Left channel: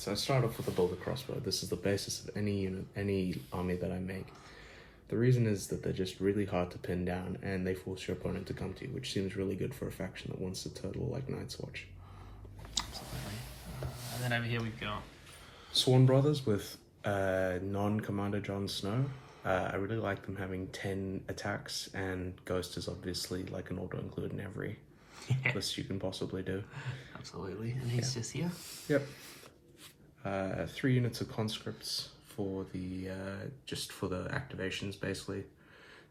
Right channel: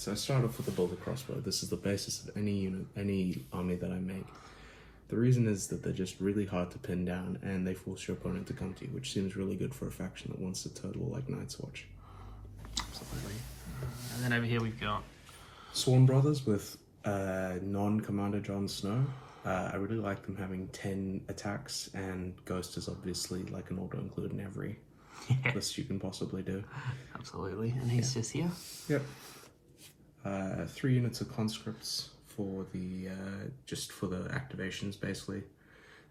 so I start off with a bolter crossbow. This is the basis of any unit, any army that I make. The reason is that they're just really hard to pin down, and they force your opponent to come to you, which seems really good for a faction that wants to turtle like Night's Watch. Absolutely. And then over here we've got Sworn Brothers with non-Commander Jon Snow. I really like them having 10 attacks, and Ghost is obviously like an auto-include in every list you can possibly do. Absolutely, and he's just here. Yep. 3 units of conscripts for the just for the activations, basically.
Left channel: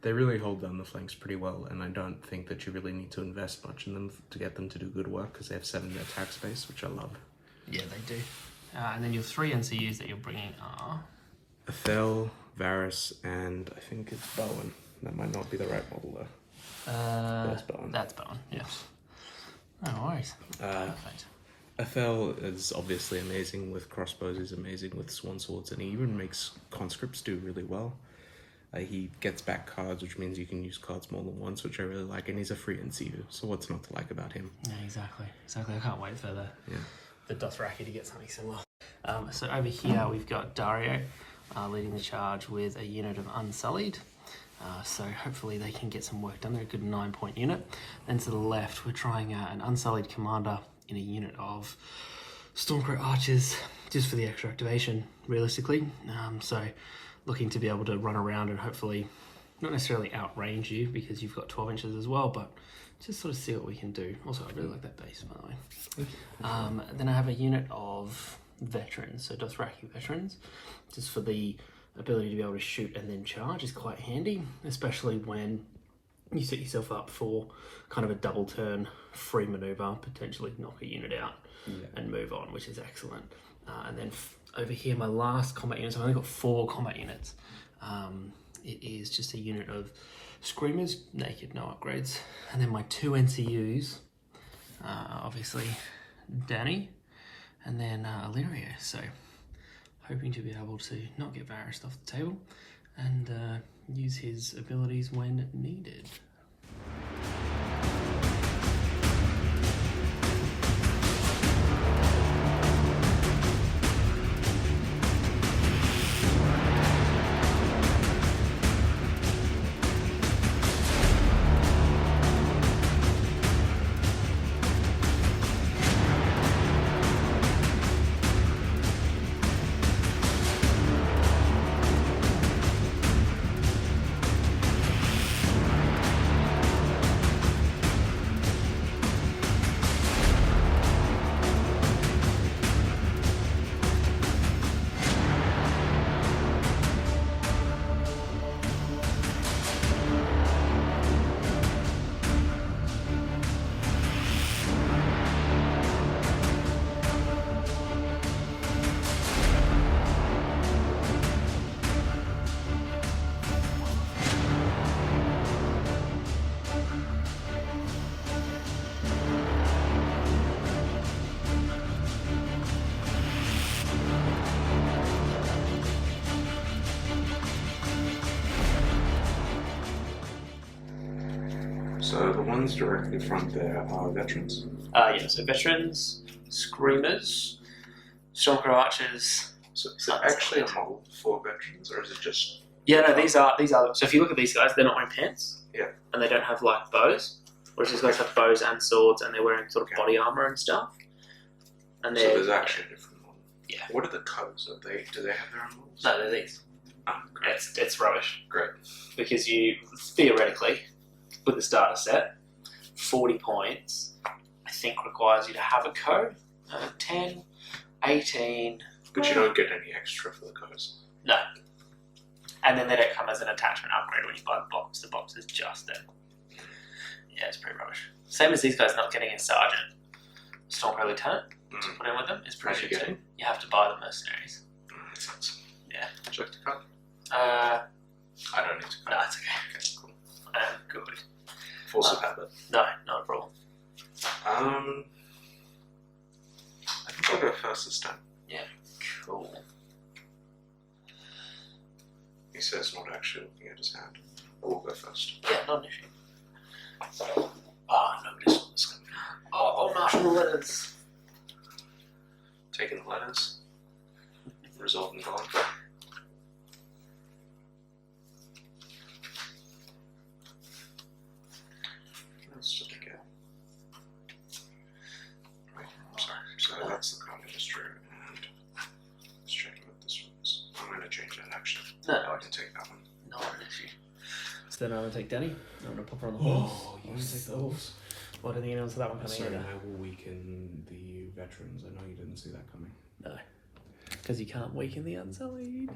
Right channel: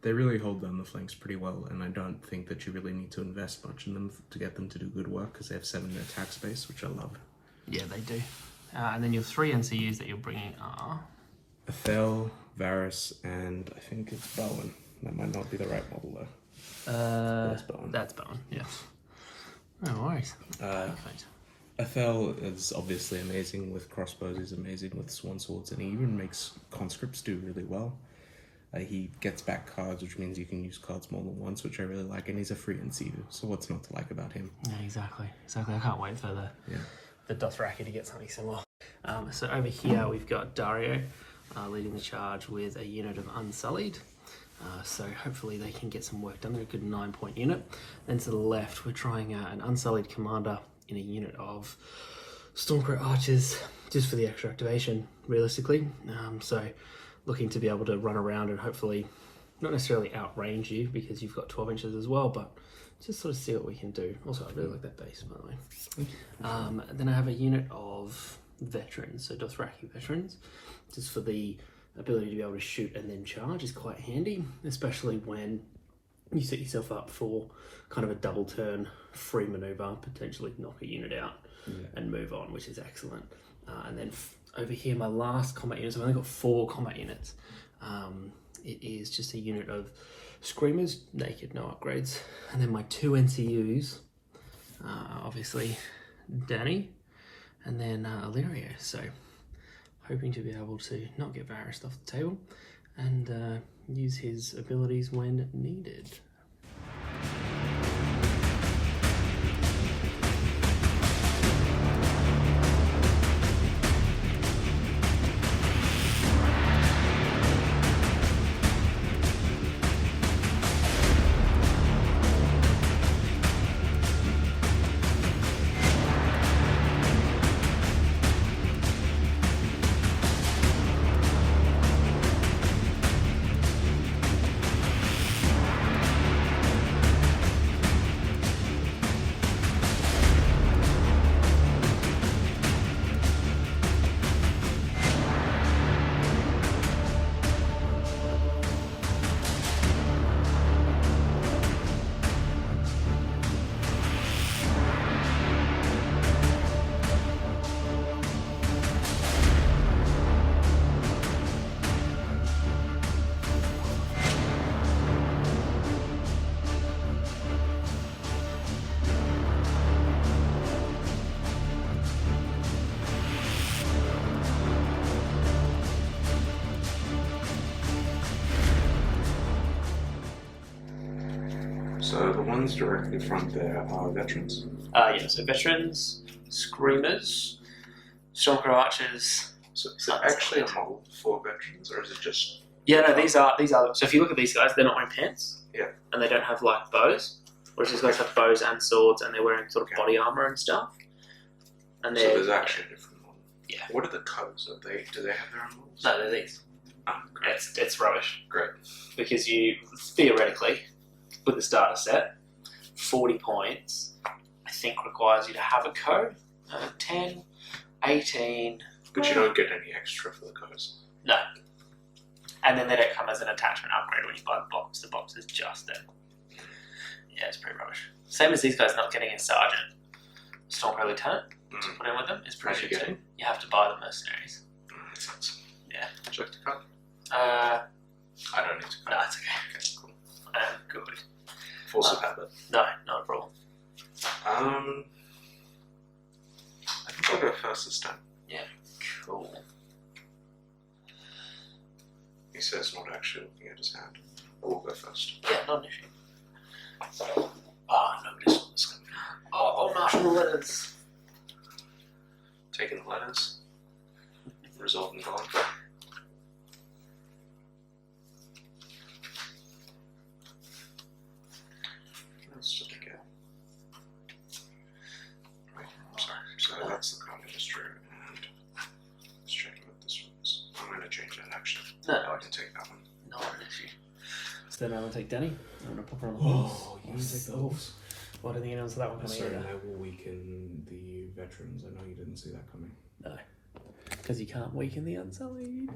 They really hold down the flanks pretty well, and I don't think that you really need to invest much in them to get them to do good work, because they have 7 attack space, which I love. Yeah, they do. And then your 3 NCUs that you're bringing are Athel, Varys, and I think it's Bowen. That might not be the right model though. That's Bowen. That's Bowen, yes. No worries. Perfect. Athel is obviously amazing with crossbows, he's amazing with swan swords, and he even makes conscripts do really well. He gets back cards, which means you can use cards more than once, which I really like, and he's a free NCU, so what's not to like about him? Yeah, exactly. I can't wait for the Dothraki to get something similar. So over here we've got Daario leading the charge with a unit of Unsullied. So hopefully they can get some work done. They're a good 9-point unit. Then to the left we're trying an Unsullied commander in a unit of Stormcrow Archers, just for the extra activation, realistically. So looking to be able to run around and hopefully not necessarily outrange you, because you've got 12 inches as well, but just sort of see what we can do. Also, I really like that base, by the way. Then I have a unit of veterans, so Dothraki veterans, just for the ability to be able to shoot and then charge is quite handy, especially when you set yourself up for kind of a double turn free maneuver, potentially knock a unit out and move on, which is excellent. And then over here, my last combat unit, so I've only got 4 combat units. It is just a unit of Screamers, naked, no upgrades. And then my 2 NCUs, obviously Danny, and then Illyrio. So hoping to be able to not get Varys off the table and use his abilities when needed. So the ones directly in front there are veterans? Yeah, so veterans, Screamers, Stormcrow Archers. So is it actually a model for veterans, or is it just... Yeah, no, these are, so if you look at these guys, they're not wearing pants. Yeah. And they don't have like bows, whereas these guys have bows and swords, and they're wearing sort of body armor and stuff. And so there's actually a different model. Yeah. What are the codes? Do they have their own models? No, they're these. Oh, great. It's rubbish. Great. Because you, theoretically, with the starter set, 40 points, I think requires you to have a code. 10, 18... But you don't get any extra for the codes. No. And then they don't come as an attachment upgrade when you buy the box. The box is just there. Yeah, it's pretty rubbish. Same as these guys not getting a sergeant. Stormcrow Lieutenant to put in with them is pretty good too. You have to buy the mercenaries. That sucks. Yeah. Would you like to cut? I don't need to cut. No, it's okay. Okay, cool. Good. Force of habit. No, not a problem. I think I'll go first this time. Yeah, cool. He says not actually looking at his hand. I will go first. Yeah, not an issue. Oh, nobody saw this coming. Oh, Marshall the letters. Taking the letters. resultant on. Let's just go. Right, I'm sorry. So that's the contender and let's check what this one is. I'm going to change that actually. No, I can take that one. not an issue. So then I'm going to take Danny. I'm going to pop her on the horse. Oh, you can take the horse. What do you think anyone saw that one coming Sorry, in? I will weaken the veterans. I know you didn't see that coming. No. Because you can't weaken the Unsullied.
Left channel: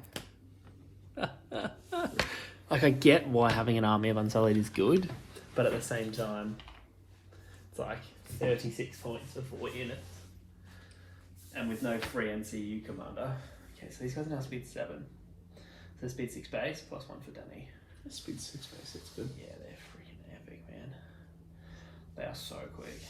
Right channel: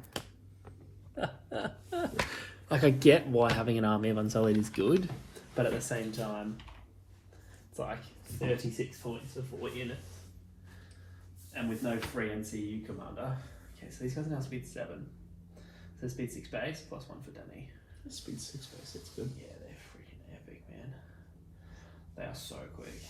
Like, I get why having an army of Unsullied is good, but at the same time, it's like 36 points for 4 units. And with no free NCU commander. Okay, so these guys are now speed 7. So speed 6 base, plus 1 for Danny. Speed 6 base, that's good. Yeah, they're freaking epic, man. They are so quick.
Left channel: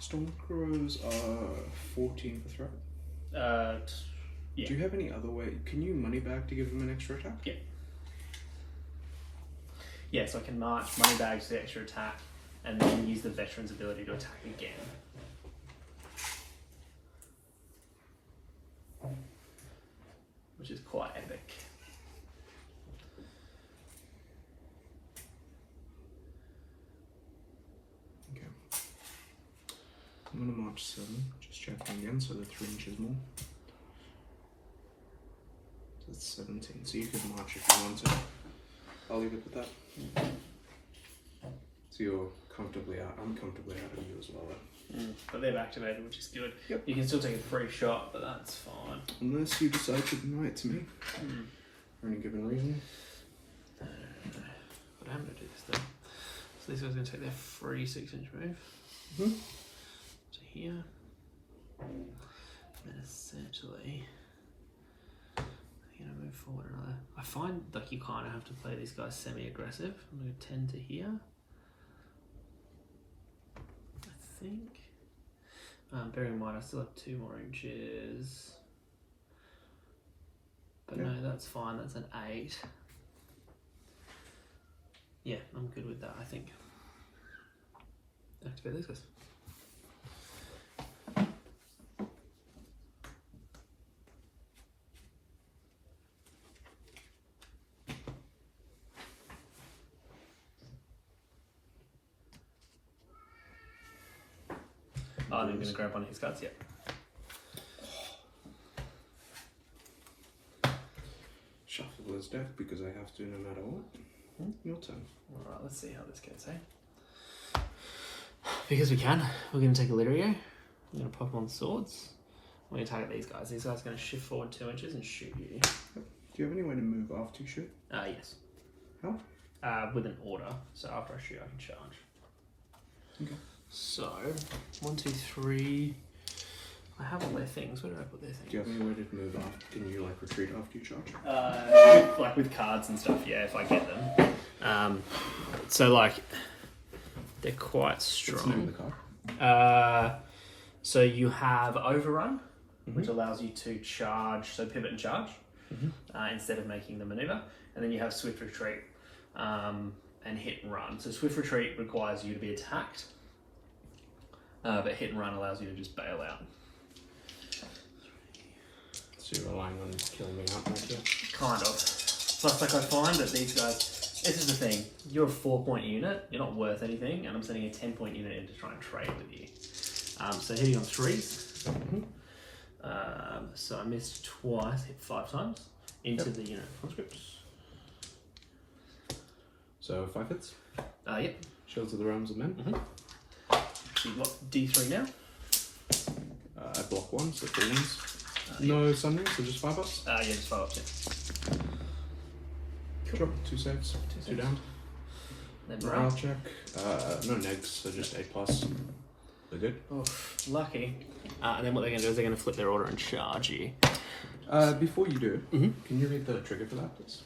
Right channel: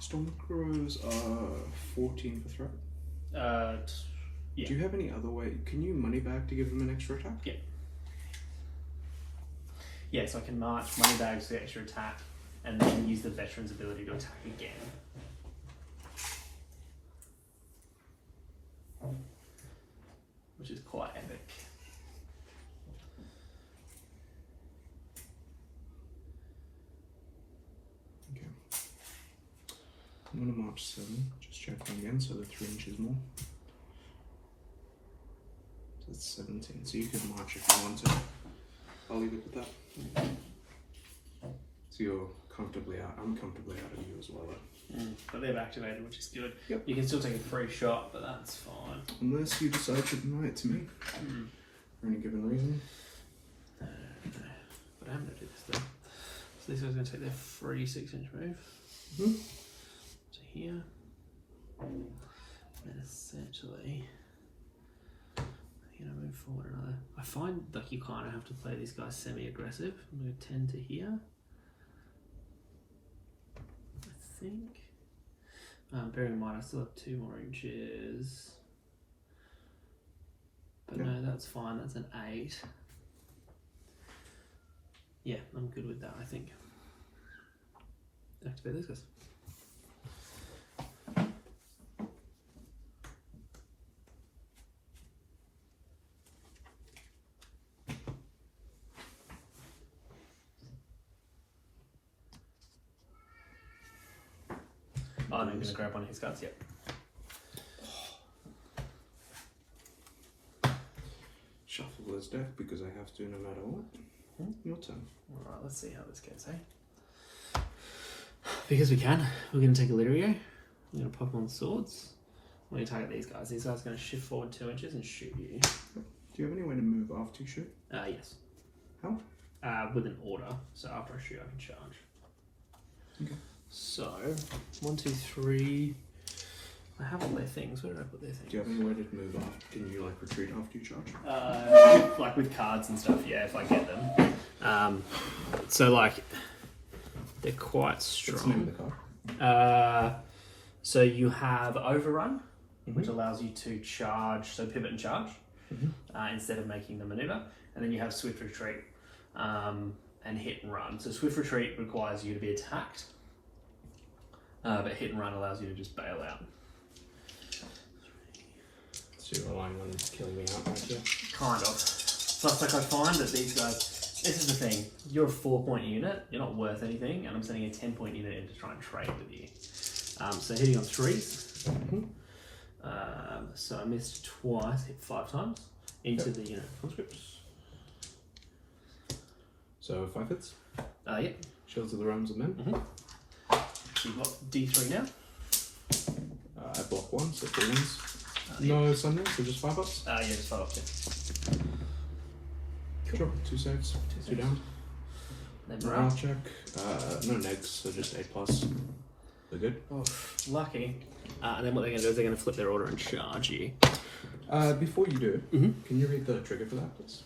Stormcrows are 14 for threat. Yeah. Do you have any other way? Can you money bag to give them an extra attack? Yeah. Yeah, so I can march money bags to the extra attack and then use the veteran's ability to attack again. Which is quite epic. Okay. I'm going to march 7. Just checking again, so they're 3 inches more. So that's 17. So you could march if you want to. I'll leave it with that. So you're comfortably out. I'm comfortably out of you as well. But they've activated, which is good. Yep. You can still take a free shot, but that's fine. Unless you decide to deny it to me. For any given reason. What happened to this thing? So this guy's going to take their free 6-inch move. To here. And then essentially, going to move forward another. I find like you kind of have to play these guys semi-aggressive. I'm going to 10 to here. I think. Bear in mind, I still have 2 more inches. But no, that's fine. That's an 8. Yeah, I'm good with that, I think. Activate these guys. I'm going to grab one of his cards yet. Shuffle this deck because I have to no matter what. Your turn. Alright, let's see how this goes, eh? Because we can, we're going to take a Lirio. We're going to pop on swords. We're going to target these guys. These guys are going to shift forward 2 inches and shoot you. Do you have any way to move after you shoot? Yes. How? With an order. So after I shoot, I can charge. Okay. So, 1, 2, 3. I have all their things. Where did I put their things? Do you have any way to move after? Can you like retreat after you charge? Like with cards and stuff, yeah, if I get them. So like, they're quite strong. What's the name of the card? So you have Overrun, which allows you to charge, so pivot and charge, instead of making the maneuver. And then you have Swift Retreat and Hit and Run. So Swift Retreat requires you to be attacked, but Hit and Run allows you to just bail out. So you're relying on killing me out right here? Kind of. Plus, like, I find that these guys, this is the thing, you're a 4-point unit, you're not worth anything, and I'm sending a 10-point unit in to try and trade with you. So hitting on 3s. So I missed twice, hit 5 times into the unit conscripts. So 5 hits? Yep. Shields of the Realms of Men? So you've got D3 now. I block 1, so 4 wins. No Sunray, so just 5 ups? Yeah, just 5 ups, yeah. Sure, 2 saves, 2 down. Then Morale check. No negs, so just 8 plus. They're good. Oh, lucky. And then what they're going to do is they're going to flip their order and charge you. Before you do, can you read the trigger for that, please?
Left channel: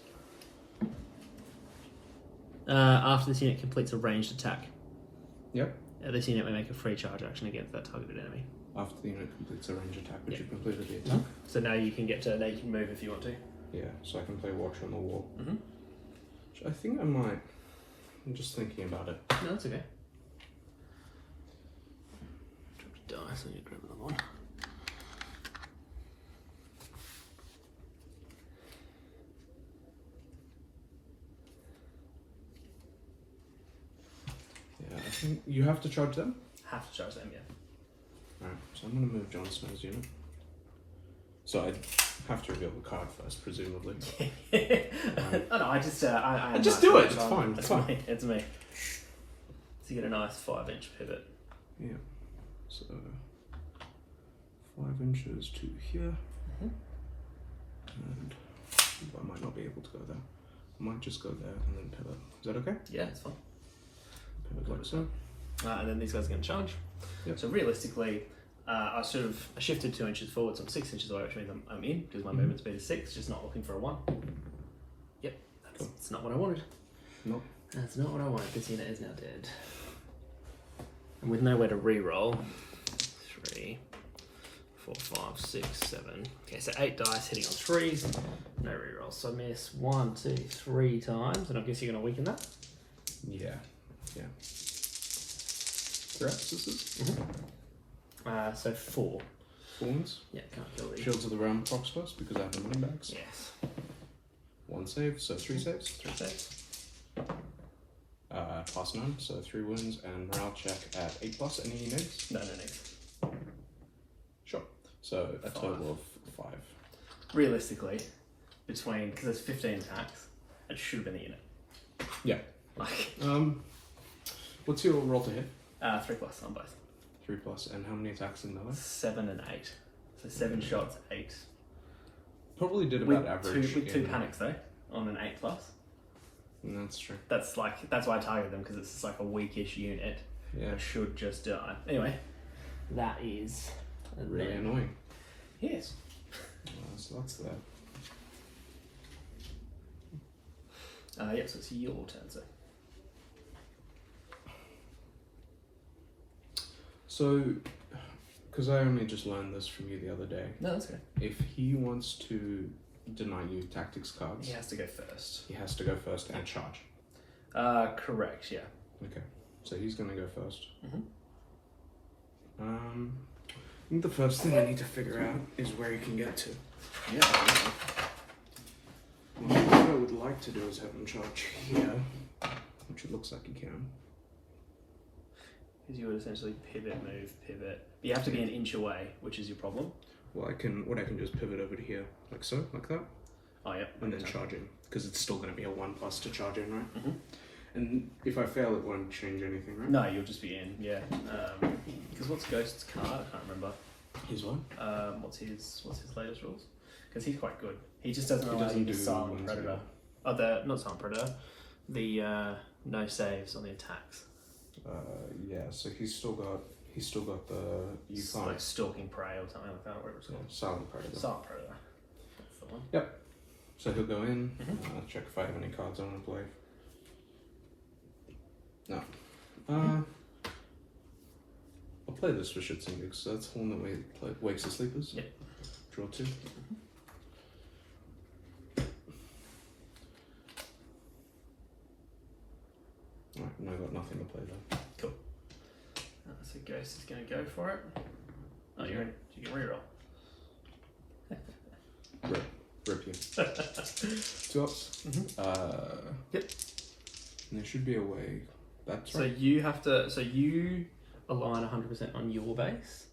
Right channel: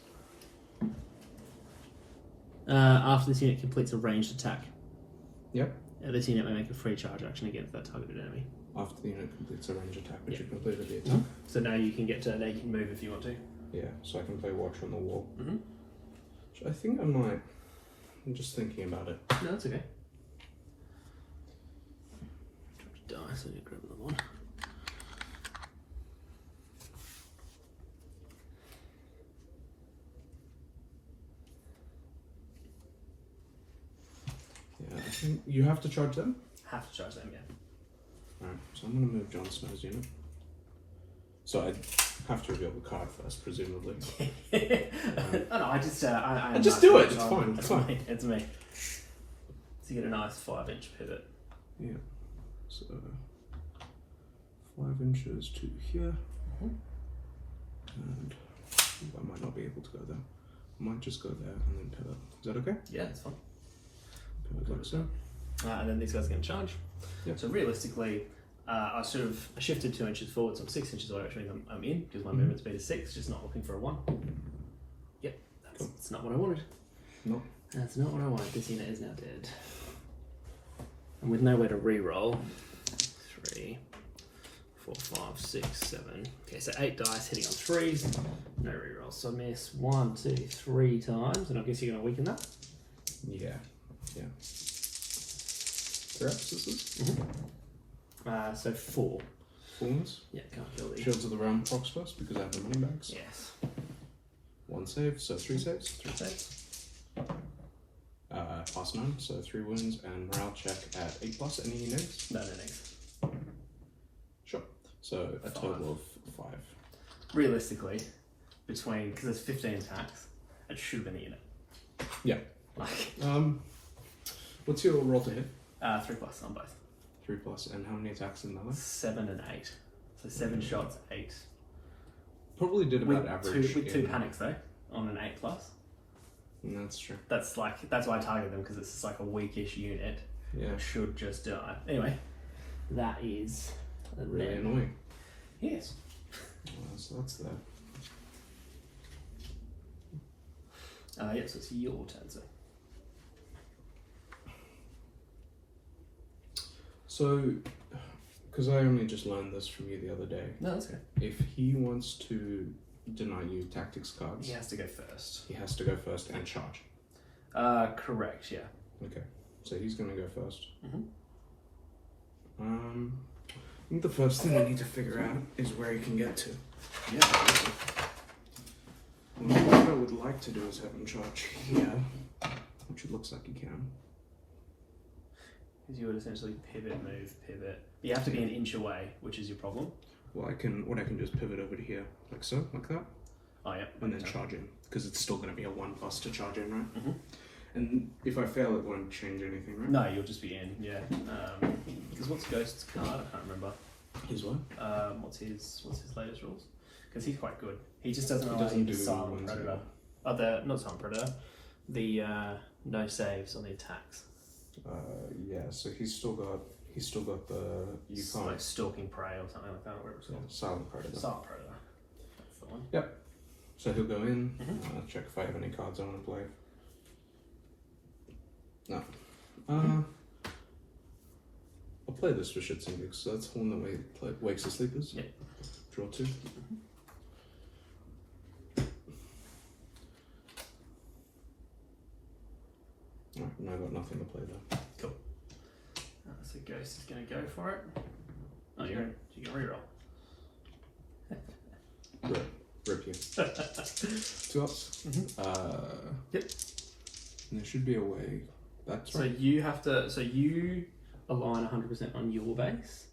After this unit completes a ranged attack, Yep. this unit may make a free charge action against that targeted enemy. After the unit completes a range attack, which you completed the attack. So now you can now you can move if you want to. Yeah, so I can play Watch on the Wall. Mm-hmm. Which I think I might. I'm just thinking about it. No, that's okay. Dice, I need to grab another one. Yeah, I think you have to charge them. Have to charge them, yeah. Alright, so I'm going to move Jon Snow's unit. So I have to reveal the card first, presumably. Oh, no, I just just do it. It's fine. It's fine. me. It's me. So you get a nice 5-inch pivot. Yeah. So 5 inches to here, and I might not be able to go there. I might just go there and then pivot. Is that okay? Yeah, it's fine. Pivot like so. And then these guys are going to charge. Yep. So realistically, I shifted 2 inches forward, so I'm 6 inches away, which means I'm in because my movement speed is 6. Just not looking for a 1. Yep, that's not what I wanted. No. That's not what I wanted. This unit is now dead. And with nowhere to re-roll, 3, 4, 5, 6, 7. Okay, so 8 dice hitting on 3s. No re-rolls. So I miss 1, 2, 3 times, and I guess you're going to weaken that. Yeah. Yeah. 3 abscesses. So 4. 4 wounds. Yeah, can't kill these. Shields of the Realm procs first because I have the money bags. Yes. 1 save, so 3 saves. 3 saves. Plus 9, so 3 wounds, and morale check at 8+. Any needs? No needs. Sure. So a total of 5. Realistically, because there's 15 attacks, it should have been the unit. Yeah. Like, what's your roll to hit? 3+ on both. 3+, and how many attacks in melee? 7 and 8. So 7 shots, 8. Probably did about average. With 2 panics though, on an 8+. That's true. That's why I targeted them, because it's just like a weakish unit. Yeah. It should just die. Anyway, that is Really annoying. Yes. So that's that. Yeah, so it's your turn, sir. So, because I only just learned this from you the other day. No, that's okay. If he wants to deny you tactics cards, He has to go first. he has to go first and charge. Correct, yeah. Okay, so he's going to go first. Mm-hmm. I think the first thing I need to figure out is where he can get to. Yeah. What I would like to do is have him charge here, which it looks like he can. Because you would essentially pivot, move, pivot. But you have to be an inch away, which is your problem. Well, I can just pivot over to here, like so, like that. Oh yeah. And then charge in, because it's still going to be a 1+ to charge in, right? Mm-hmm. And if I fail, it won't change anything, right? No, you'll just be in, yeah. Because what's Ghost's card? I can't remember. His what? What's his latest rules? Because he's quite good. He just doesn't He allow doesn't you to do silent ones, predator. yeah. Oh, not silent predator. The no saves on the attacks. Yeah. So he's still got the you It's can't. like stalking prey or something like that. Where it's Yeah, silent predator. silent predator. That's the one. Yep. So he'll go in. Mhm. Check if I have any cards I want to play. No. I'll play this for shits and gigs. So that's the one that wakes the sleepers. Yep. Draw 2. Alright, no, I've got nothing to play though. Cool. So Ghost is going to go for it. Oh, you're going to reroll. Rip you. 2 ups. Yep. And there should be a way. That's So right. you have to. So you align 100% on your base.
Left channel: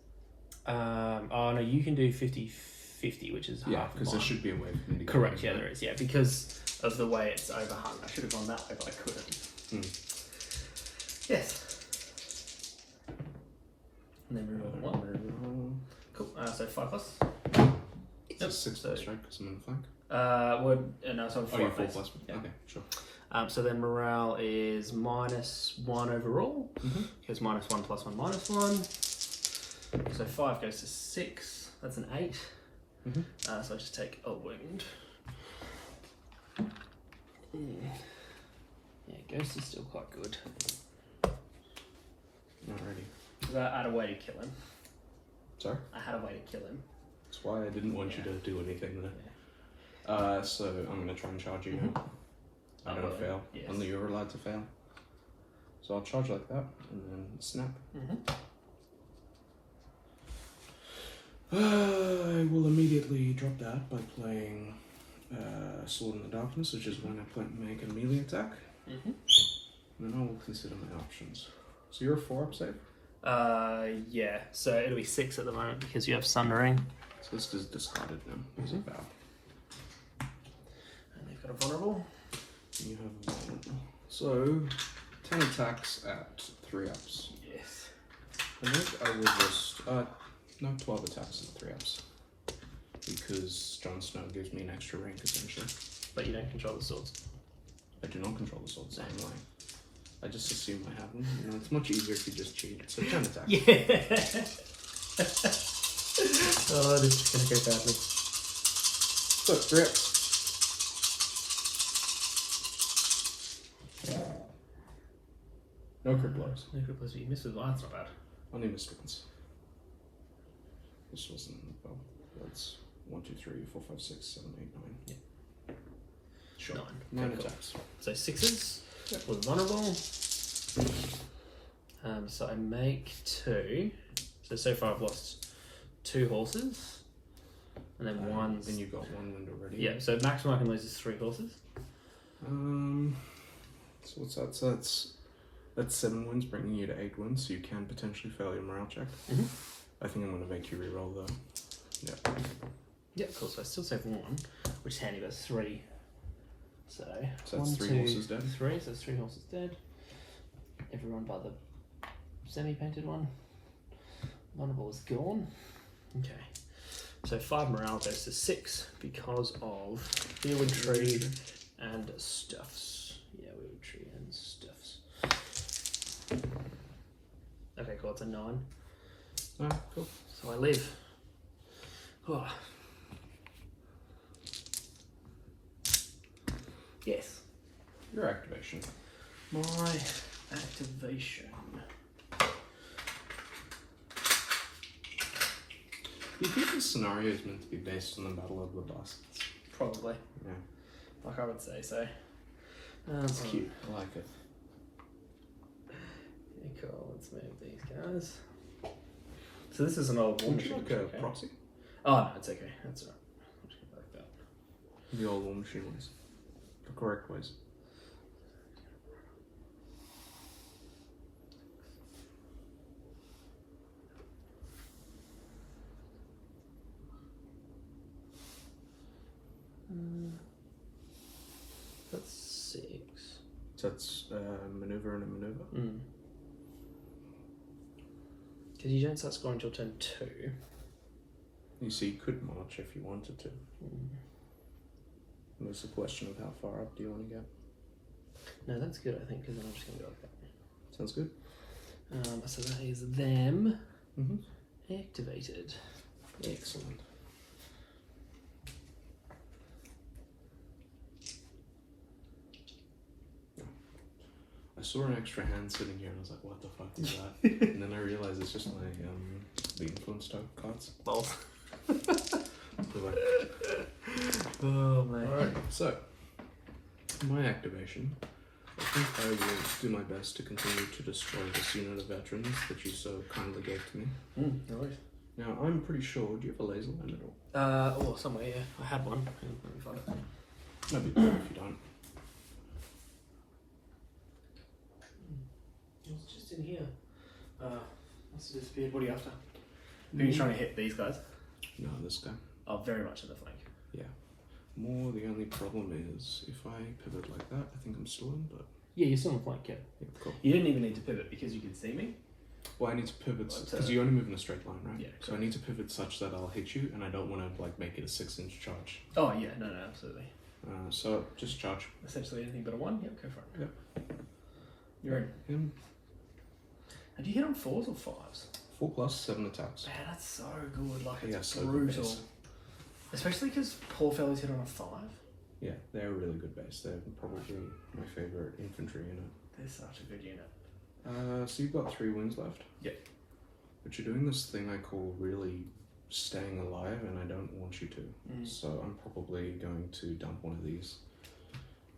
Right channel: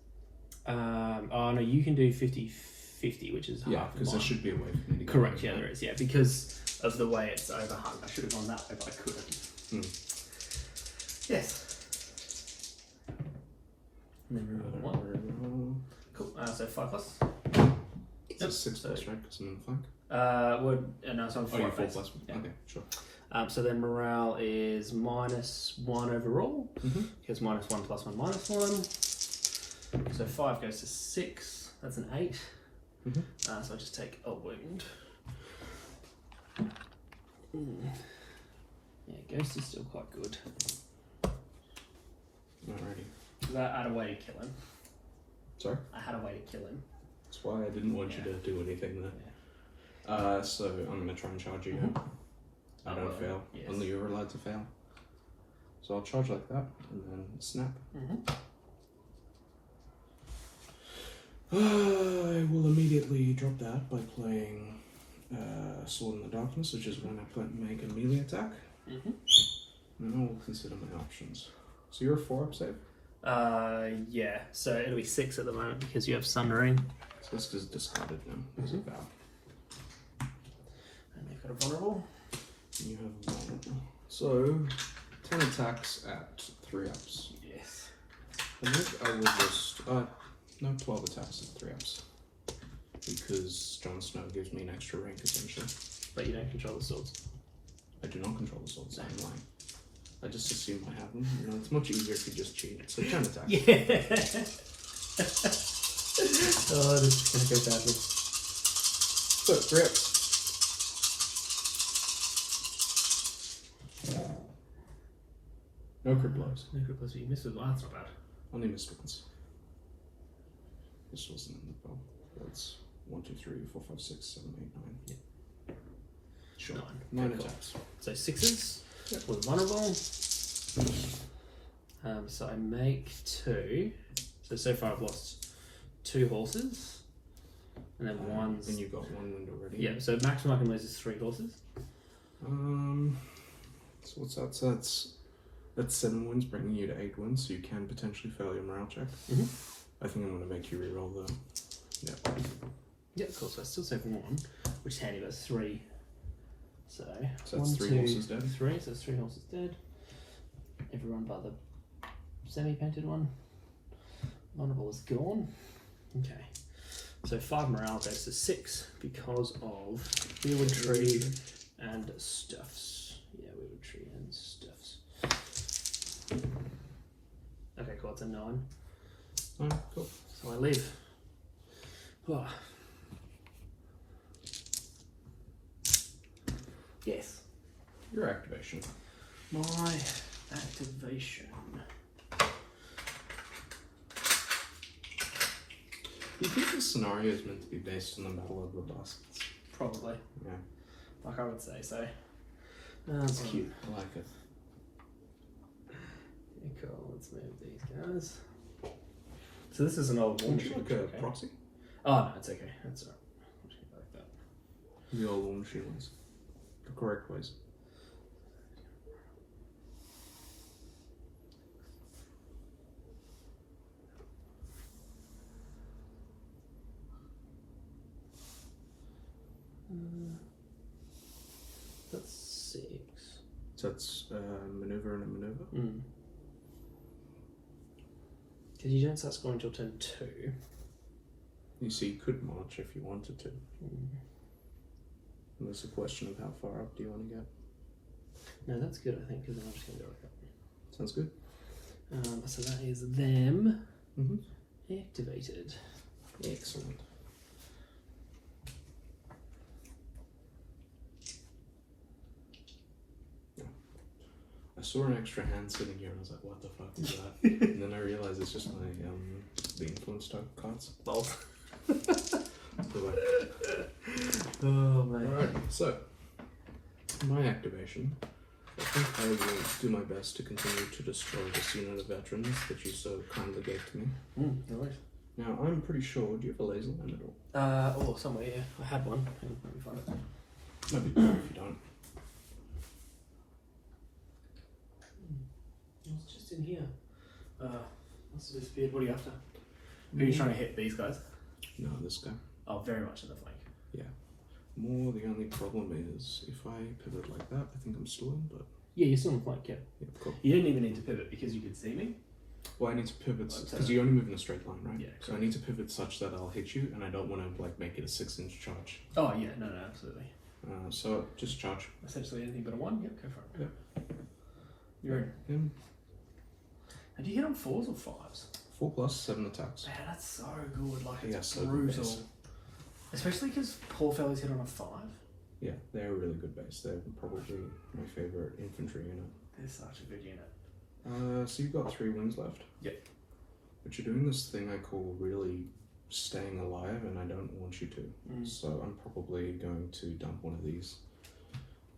Oh no, you can do 50-50, which is Yeah, half because there mine. should be a way for me to get Correct. over Yeah, there. there is. Yeah, because of the way it's overhung. I should have gone that way, but I couldn't. Yes. And then reroll 1. Cool. So 5+. It's a 6+, right? Because I'm in the flank. No, so I'm 4+. Oh, you're 4+. Yeah. Okay, sure. So then morale is -1 overall. Goes -1 +1 -1. So 5 goes to 6. That's an 8. So I just take a wound. Yeah, Ghost is still quite good. Alrighty. Does that add a way to kill him? Sorry? I had a way to kill him. That's why I didn't want you to do anything there. So I'm going to try and charge you now. I don't fail. Yes. Only you're allowed to fail. So I'll charge like that, and then snap. I will immediately drop that by playing Sword in the Darkness, which is when I make a melee attack. And then I will consider my options. So you're a 4-up save? Yeah. So it'll be 6 at the moment because you have Sundering. So this is discarded now. As a vow. And they've got a vulnerable. And you have a vulnerable. So 10 attacks at 3-ups. Yes. I think I will just 12 attacks at 3-ups. Because Jon Snow gives me an extra rank essentially. But you don't control the swords. I do not control the swords, so I'm lying. I just assume I have them. You know, it's much easier if you just cheat. So 10 attacks. Yeah. Oh, this is gonna go badly. So 3-ups. No crit blows. No good plus you missed with that's not bad. Only missed once. This wasn't well. That's 1, 2, 3, 4, 5, 6, 7, 8, 9. Yeah. Sure. 9. 9 attacks. So 6s. Yep. With vulnerable. So I make 2. So far I've lost 2 horses. And then one. And you've got 1 wind already. Yeah, so maximum I can lose is 3 horses. So what's that? So that's 7 wins, bringing you to 8 wins. So you can potentially fail your morale check. I think I'm going to make you reroll though. Yeah. Yeah, of course. I still save 1, which is handy. That's 3. So that's 1, 3 2, horses dead. 3. So that's 3 horses dead. Everyone but the semi-painted one. Vulnerable is gone. Okay. So 5 morale goes to 6 because of the wood tree and stuffs. Yeah, wood tree and stuffs. Okay, cool. It's a 9. Oh, cool. So I live. Oh. Yes. Your activation. My activation. Do you think this scenario is meant to be based on the Battle of the Bastards? Probably. Yeah. Like I would say so. That's cute. I like it. Okay, cool. Let's move these guys. So this is an old Would you like a proxy? Oh, no, it's okay. That's alright. I'll just go like that. The old War Machine ways. The correct ways. That's 6. So that's maneuver and a maneuver. Because you don't start scoring until turn 2. You see, you could march if you wanted to. And it's a question of how far up do you want to get. No, that's good, I think, because I'm just going to go like that. Sounds good. So that is them activated. Excellent. I saw an extra hand sitting here and I was like, what the fuck is that? And then I realized it's just my the influence type cards. Lol. Oh man. Alright, so my activation. I think I will do my best to continue to destroy this unit of veterans that you so kindly gave to me. Right. Now I'm pretty sure, do you have a laser line at all? Oh, somewhere, yeah. I had one. No big deal if you don't. It was just in here. Must have disappeared. What are you after? Are you trying to hit these guys? No, this guy. Oh, very much in the flank. Yeah. More the only problem is if I pivot like that, I think I'm still in, but Yeah, you're still in the flank, yeah. yeah, cool. You didn't even need to pivot because you could see me. Well, I need to pivot because you only move in a straight line, right? Yeah. So I need to pivot such that I'll hit you, and I don't want to like make it a 6-inch charge. Oh, yeah, no, absolutely. So just charge. Essentially anything but a 1? Yep, go for it. Yep. You're in. Him. And do you hit on 4s or 5s? 4 plus 7 attacks. Man, that's so good. Like, Yeah, it's so good brutal. base. Especially because poor fellas hit on a 5. Yeah, they're a really good base. They're probably my favorite infantry unit. They're such a good unit. So you've got 3 wings left. Yep. But you're doing this thing I call really staying alive, and I don't want you to. So I'm probably going to dump one of these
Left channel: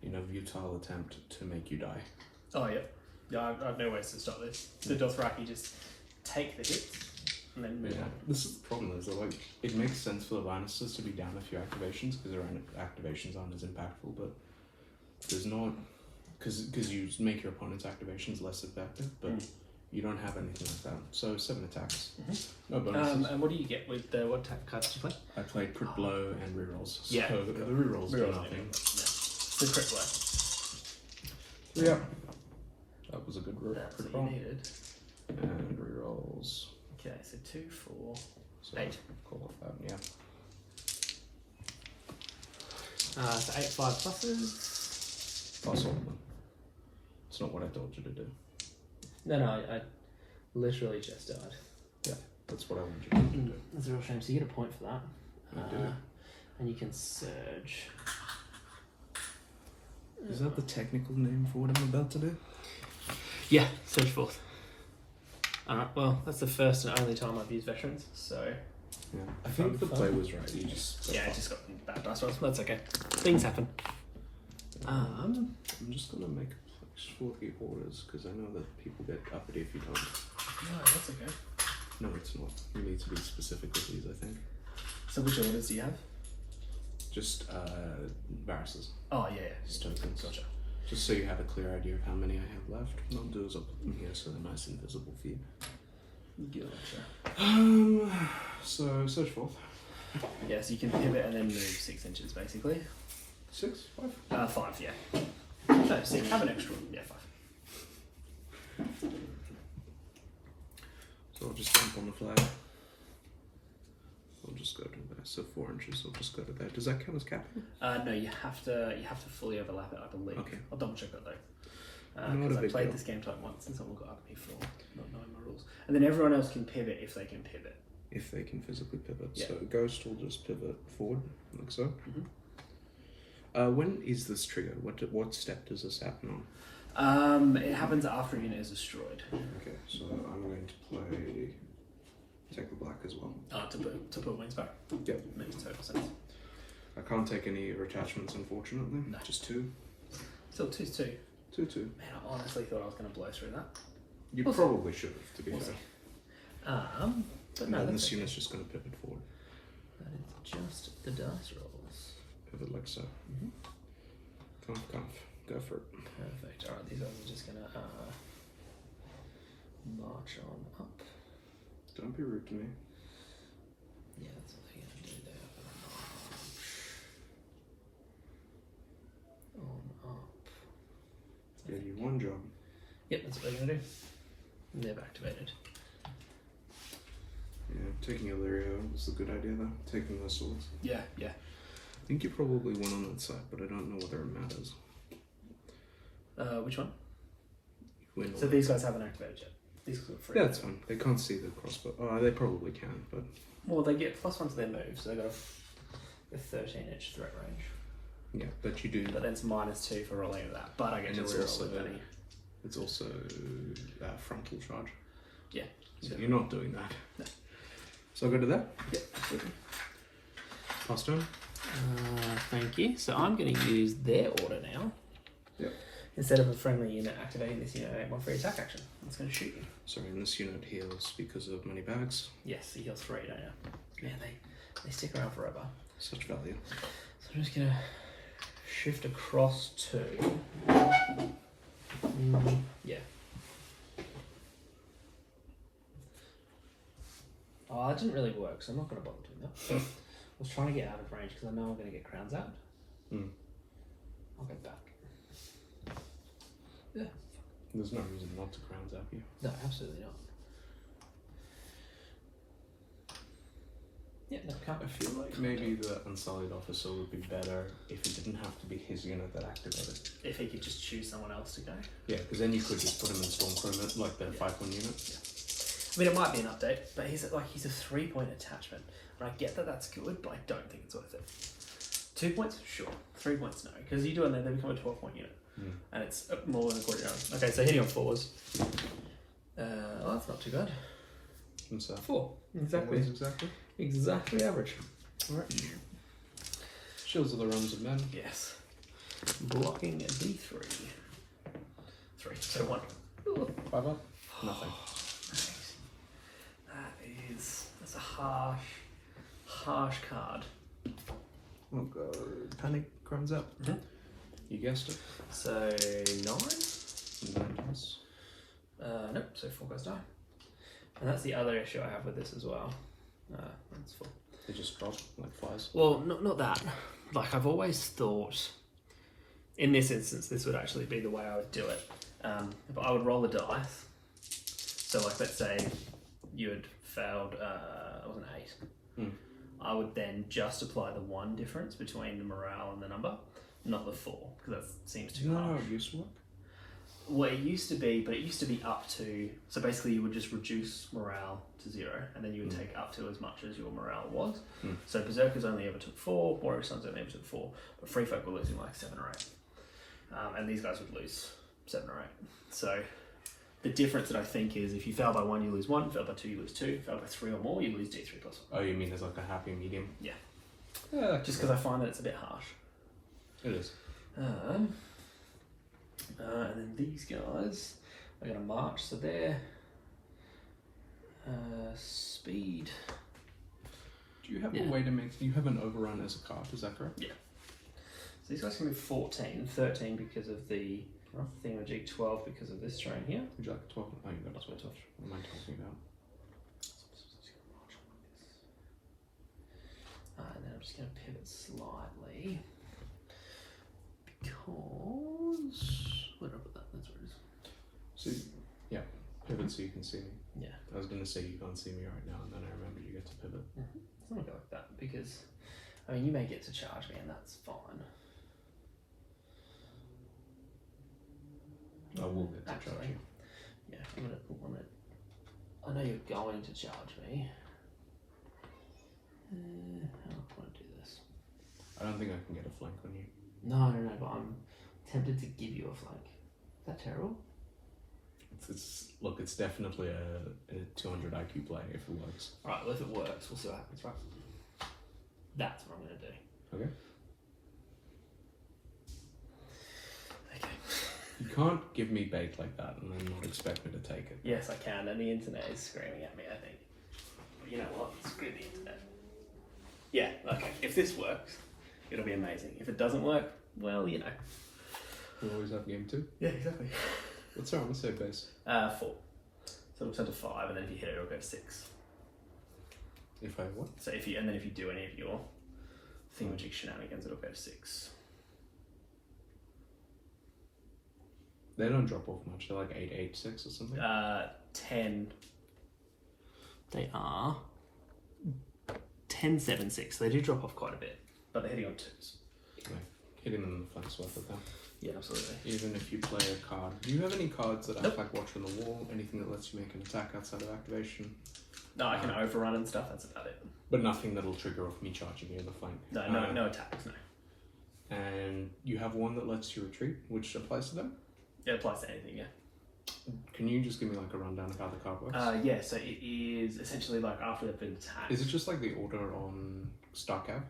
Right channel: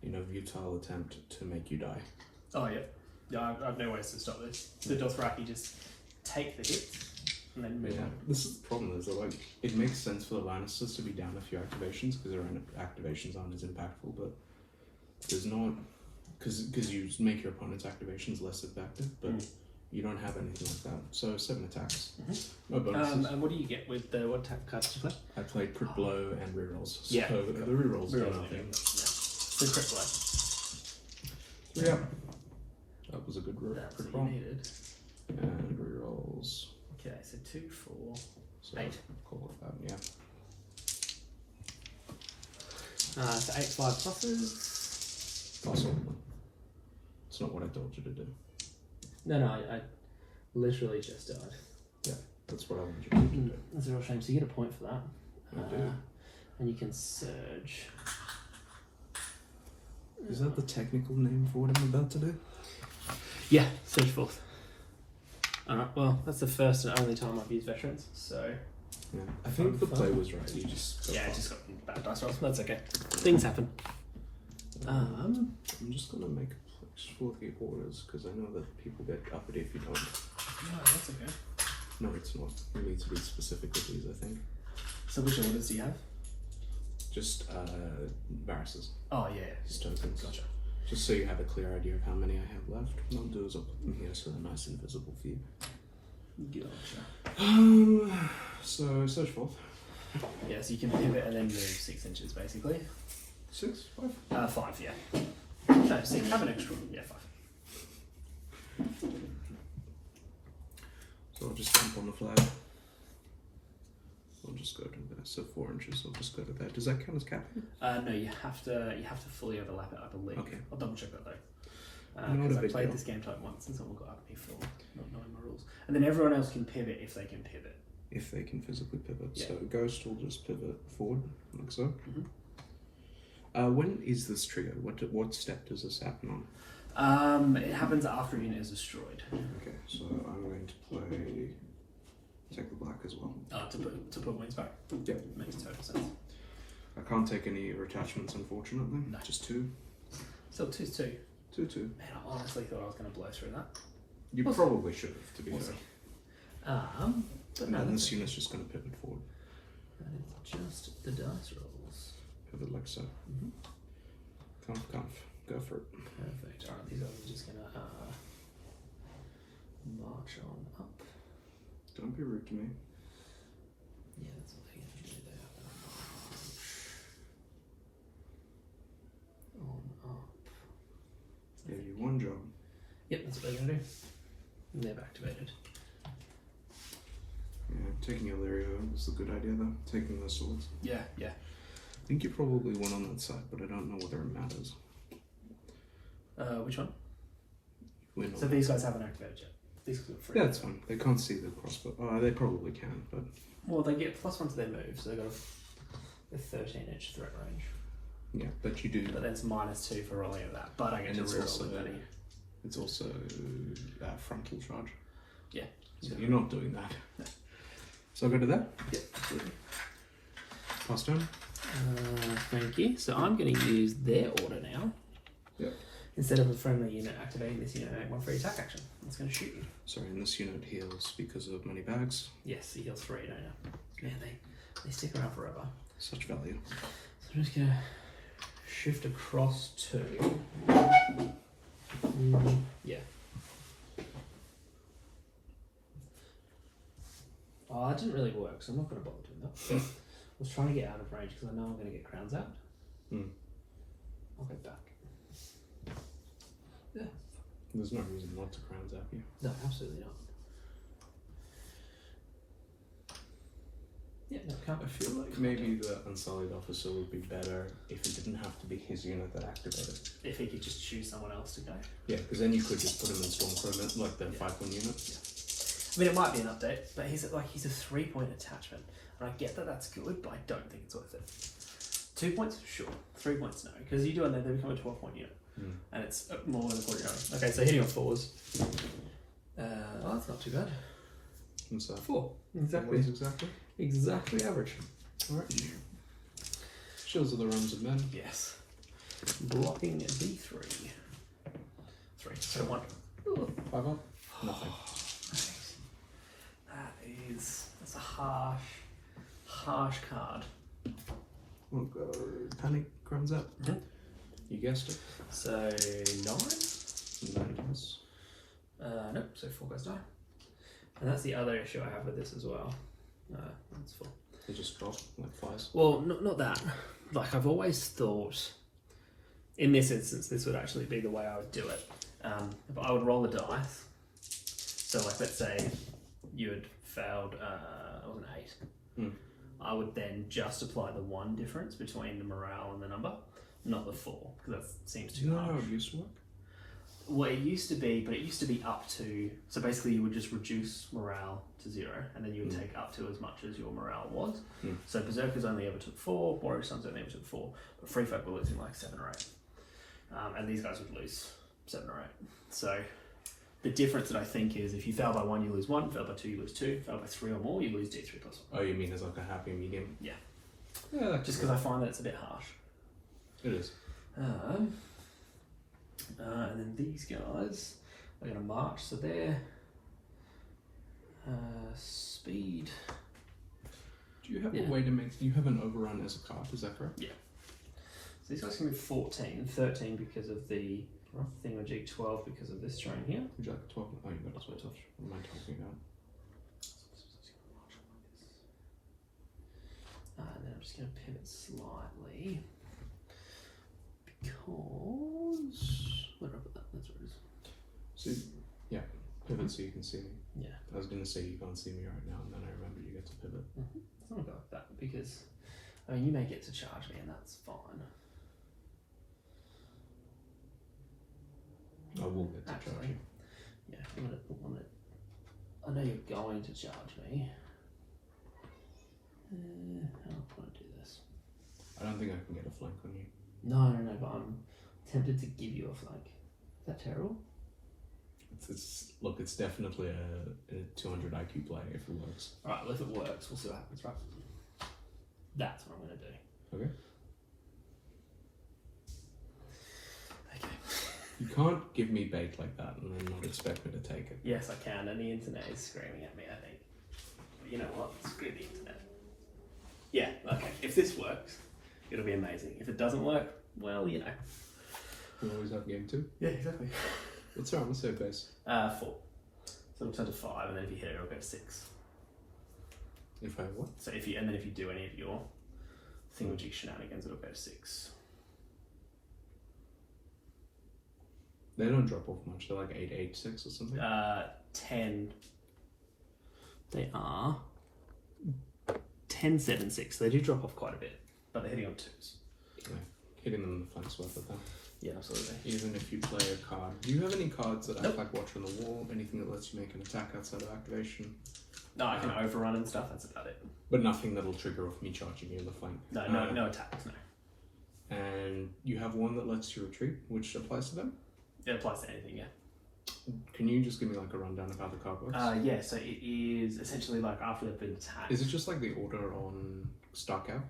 in a futile attempt to make you die. Oh, yeah. Yeah, I have no ways to stop this. The Dothraki just take the hits and then move on. This is the problem, is that like it makes sense for the Lannisters to be down a few activations because their activations aren't as impactful, but there's not, because you make your opponent's activations less effective, but you don't have anything like that. So 7 attacks, no bonuses. And what do you get with what type of cards do you play? I played crit blow and rerolls. So Yeah. the rerolls do nothing. The crit blow. Yeah. That was a good crit That's roll. what you needed. And rerolls. Okay, so 2, 4, So 8. Call it that, yeah. So 8 5 pluses. Plus one. It's not what I told you to do. No, I literally just died. Yeah, that's what I wanted you to do. That's a real shame. So you get a point for that. I do. And you can surge. Is that the technical name for what I'm about to do? Yeah, surge forth. Alright, well, that's the first and only time I've used veterans, so. Yeah. I think the play was right. You just Yeah, I just got bad dice rolls. That's okay. Things happen. I'm just gonna make a place for the orders because I know that people get uppity if you don't. No, that's okay. No, it's not. You need to be specific with these, I think. So which orders do you have? Just Varus's. Oh, yeah. His tokens. Gotcha. Just so you have a clear idea of how many I have left. What I'll do is I'll put them here so they're nice and visible for you. So search forth. Yeah, so you can pivot and then move 6 inches, basically. 6, 5. 5, yeah. No, 6. Have an extra one. Yeah, 5. So I'll just jump on the flag. I'll just go to there. So 4 inches. I'll just go to there. Does that count as capping? No, you have to fully overlap it, I believe. Okay. I'll double check that though. Not a big I played deal. this game like once and someone got up me for not knowing the rules. And then everyone else can pivot if they can pivot. If they can physically pivot. Yeah. So Ghost will just pivot forward, like so. Mm-hmm. When is this trigger? What step does this happen on? It happens after a unit is destroyed. Okay, so I'm going to play take the black as well. To put wings back. Yep. Makes total sense. I can't take any attachments, unfortunately. No. Just 2. Still 2's 2. 2. Man, I honestly thought I was going to blow through that. You probably should have, to be fair. But no, And that's this unit's just going to pivot forward. That is just the dice rolls. Pivot like so. Comf. Go for it. Perfect. Alright, these are just going to march on up. Don't be rude to me. Yeah, that's what they're going to do there. On up. Give you one job. Yep, that's what they're going to do. They've activated. Yeah, taking Illyrio was a good idea though. Taking the swords. Yeah. I think you probably won on that side, but I don't know whether it matters. Which one? You win on So that. these guys haven't activated yet. These guys are free. Yeah, that's fine. They can't see the crossbow. Oh, they probably can, but Well, they get +1 to their move, so they've got a 13-inch threat range. yeah, but you do. But then it's -2 for rolling of that. But I get And to it's reroll also the 30. it's also frontal charge. Yeah. So you're not doing that. No. So I'll go to that. Yeah, absolutely. Pass turn. Thank you. So I'm going to use their order now. Yep. Instead of a friendly unit activating this unit, I make 1 free attack action. It's going to shoot me. Sorry, and this unit heals because of many bags. Yes, he heals 3, don't you? Man, they stick around forever. Such value. So I'm just going to shift across to... yeah. Oh, that didn't really work, so I'm not going to bother doing that. I was trying to get out of range because I know I'm going to get crowns out. I'll go back. Yeah. There's no reason not to crowns out you. No, absolutely not. Yeah, no, can't. I feel like maybe the Unsullied Officer would be better if it didn't have to be his unit that activated. If he could just choose someone else to go. Yeah, because then you could just put him in Stormcrow, like the 5-1 unit. I mean, it might be an update, but he's a 3-point attachment. And I get that that's good, but I don't think it's worth it. 2 points? Sure. 3 points, no. Because you do and then they become a 12-point unit. And it's more than a quarter hour. Okay, so hitting on 4s. Oh, that's not too bad. What's that? 4. What is exactly? Exactly average. Alright. Shields are the runs of men. Yes. Blocking D3. 3. So 1. 5 up. Nothing. That's a harsh card. We'll go. Panic runs up. Mm-hmm. You guessed it. So 9? 9 plus. Nope, so 4 goes die. And that's the other issue I have with this as well. That's 4. They just drop like flies. Well, not that. Like, I've always thought, in this instance, this would actually be the way I would do it. If I would roll the dice. So, like, let's say you had failed, it was an 8. Mm. I would then just apply the 1 difference between the morale and the number, not the 4, because that seems too Do you know harsh. how it used to work? Well, it used to be, but it used to be up to, so basically you would just reduce morale to 0, and then you would take up to as much as your morale was. So Berserkers only ever took 4, Warrior Sons only ever took 4, but Free Folk were losing like 7 or 8. And these guys would lose 7 or 8. So the difference that I think is if you fail by 1, you lose 1, fail by 2, you lose 2, fail by 3 or more, you lose D3 plus 1. Oh, you mean as like a happy medium? Yeah. Yeah, Just because I find that it's a bit harsh. it is. And then these guys are going to march, so they're speed. Do you have a way to make... You have an overrun as a card, is that correct? Yeah. So these guys can be 14, 13 because of the thingamajig, 12 because of this terrain here. Would you like 12? Oh, you got a 12. What am I talking about? And then I'm just going to pivot slightly because... Where did I put that? That's where it is. So, yeah, pivot so you can see me. Yeah. I was going to say you can't see me right now, and then I remembered you get to pivot. It's not going to go like that because, I mean, you may get to charge me and that's fine. I will get to charge you. Yeah, I'm gonna, I know you're going to charge me. How do I want to do this? I don't think I can get a flank on you. No, but I'm tempted to give you a flank. Is that terrible? Look, it's definitely a 200 IQ play if it works. Alright, well if it works, we'll see what happens, right? That's what I'm going to do. Okay. Okay. You can't give me bait like that and then not expect me to take it. Yes, I can, and the internet is screaming at me, I think. But you know what? Screw the internet. Yeah, okay. If this works, it'll be amazing. If it doesn't work, well, you know. We'll always have game 2. Yeah, exactly. What's our on the save base? 4. So it'll turn to 5, and then if you hit it, it'll go to 6. If I what? So if you do any of your thingamajig shenanigans, it'll go to 6. They don't drop off much. They're like 8, 8, 6 or something. 10. They are 10, 7, 6. They do drop off quite a bit, but they're hitting on 2s. Yeah. Hitting them in the flank's worth it though. Yeah, absolutely. Even if you play a card. Do you have any cards that act Nope. like Watch on the Wall? Anything that lets you make an attack outside of activation? No, I can overrun and stuff, that's about it. But nothing that'll trigger off me charging you in the flank. No attacks, no. And you have one that lets you retreat, which applies to them? It applies to anything, yeah. Can you just give me like a rundown of how the card works? Yeah, so it is essentially like after they've been attacked. Is it just like the order on Starcab?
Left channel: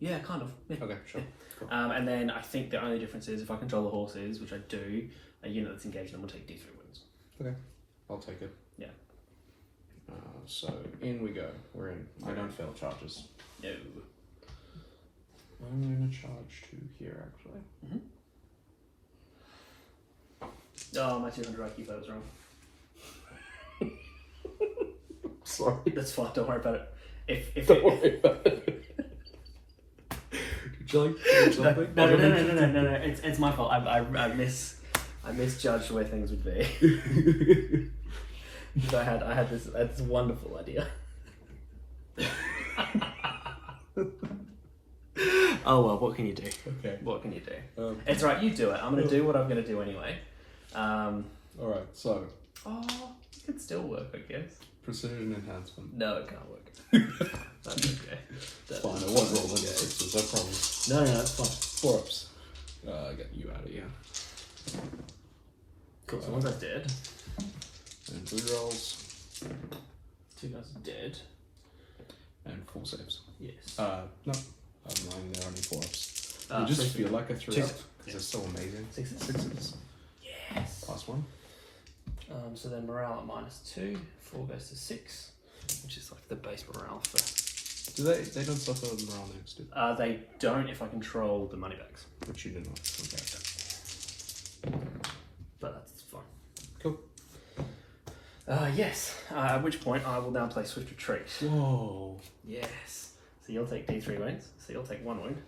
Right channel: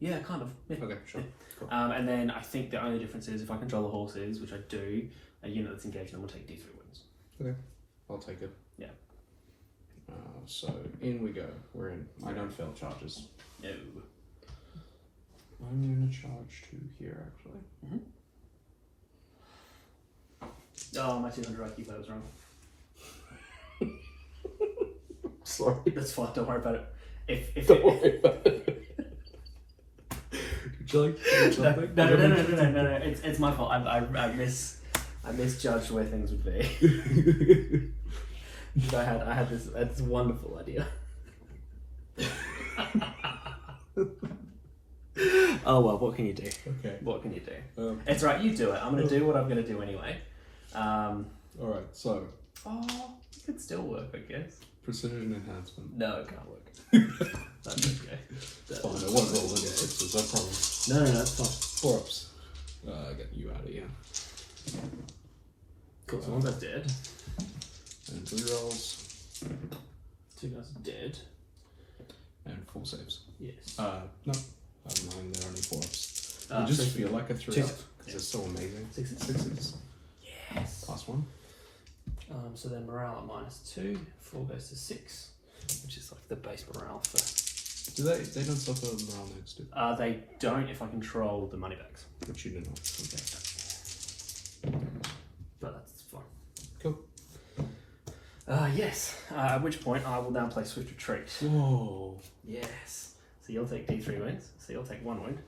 Yeah, kind of. Yeah. Okay, sure. Yeah. Cool. And then I think the only difference is if I control the horses, which I do, a unit that's engaged them will take D3 wounds. Okay, I'll take it. Yeah. So in we go. We're in. I don't fail charges. No. I'm going to charge 2 here actually. Oh, my 200 IQ vote was wrong. Sorry. That's fine, don't worry about it. If Don't worry about it. Would you like something? No. It's my fault. I misjudged where things would be. I had this wonderful idea. Oh well, what can you do? Okay. What can you do? It's right, you do it. I'm going to do what I'm going to do anyway. Alright, so. Oh, it could still work, I guess. Precision enhancement. No, it can't work. Okay. It's fine, I won't roll any 6s, I promise. No, that's fine. 4 ups. Get you out of here. Cool, so once that's dead. And 3 rolls. 2 guys are dead. And 4 saves. Yes. No. I'm lying, they're only 4-ups. I Ah, just 6. feel like I threw 6. up because it's so amazing. 6. 6s. Yes. +1. So then morale at -2. 4 goes to 6, which is like the base morale for. Do they don't suffer morale next to? They don't if I control the money bags. Which you do not. Okay. But that's fine. Cool. Yes. At which point I will now play Swift Retreat. Whoa. Yes. So you'll take D3 wounds. So you'll take 1 wound.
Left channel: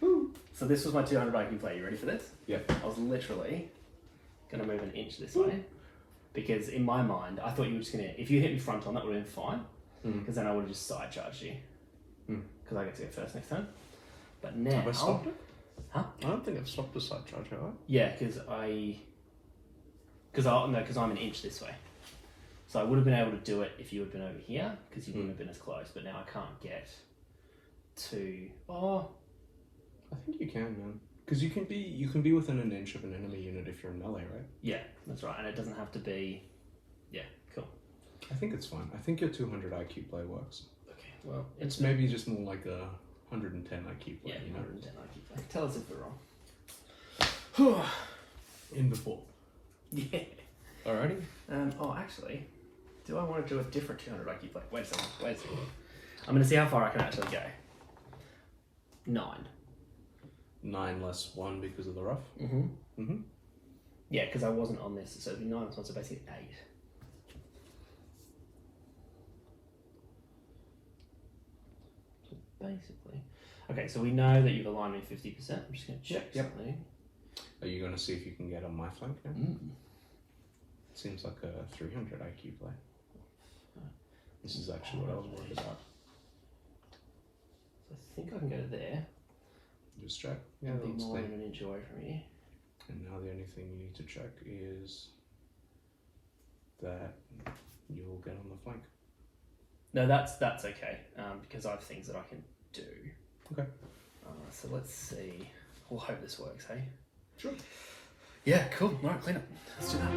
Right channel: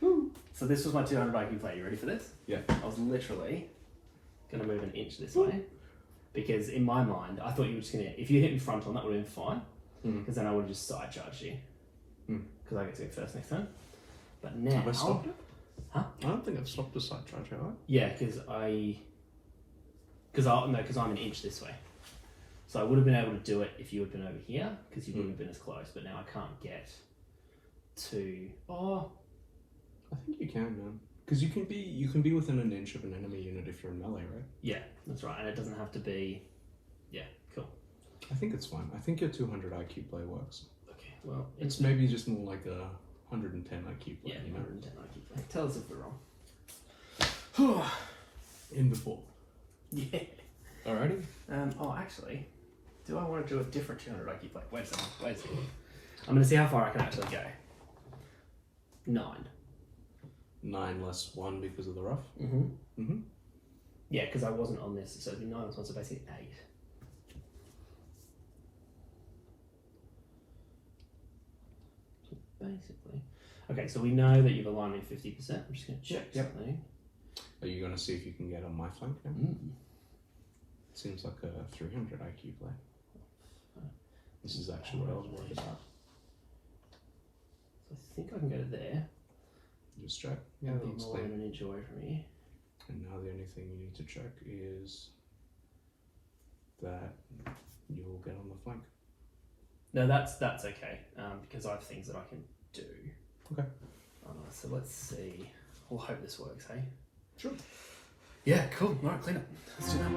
Woo. So this was my 200 IQ play. You ready for this? Yeah. I was literally going to move an inch this way. Because in my mind, I thought you were just going to... If you hit me front on, that would have been fine. Because then I would have just side charged you. Because I get to go first next turn. But now... Have I stopped it? Huh? I don't think I've stopped the side charge, have I? Yeah, because I'm an inch this way. So I would have been able to do it if you had been over here, because you wouldn't have been as close. But now I can't get to... Oh, I think you can, man. Because you can be within an inch of an enemy unit if you're in melee, right? yeah, that's right. And it doesn't have to be... Yeah, cool. I think it's fine. I think your 200 IQ play works. Okay, well... It's maybe just more like a 110 IQ play, Yeah, you know? 110 IQ play. Tell us if we're wrong. In before. Yeah. Alrighty. Actually, do I want to do a different 200 IQ play? Wait a second. I'm going to see how far I can actually go. 9. 9 less 1 because of the rough. Yeah, because I wasn't on this, so it'd be 9 plus 1, so basically 8. So basically... Okay, so we know that you've aligned me 50%. I'm just going to check something. Are you going to see if you can get on my flank now? Seems like a 300 IQ play. This is actually what I was worried about. So I think I can go there. Just check. Yeah, I'll that be looks more clean. than an inch away from you. And now the only thing you need to check is that you'll get on the flank. No, that's okay, because I have things that I can do. Okay. So let's see. We'll hope this works, hey? Sure. Yeah, cool. Right, clean up. Let's do that.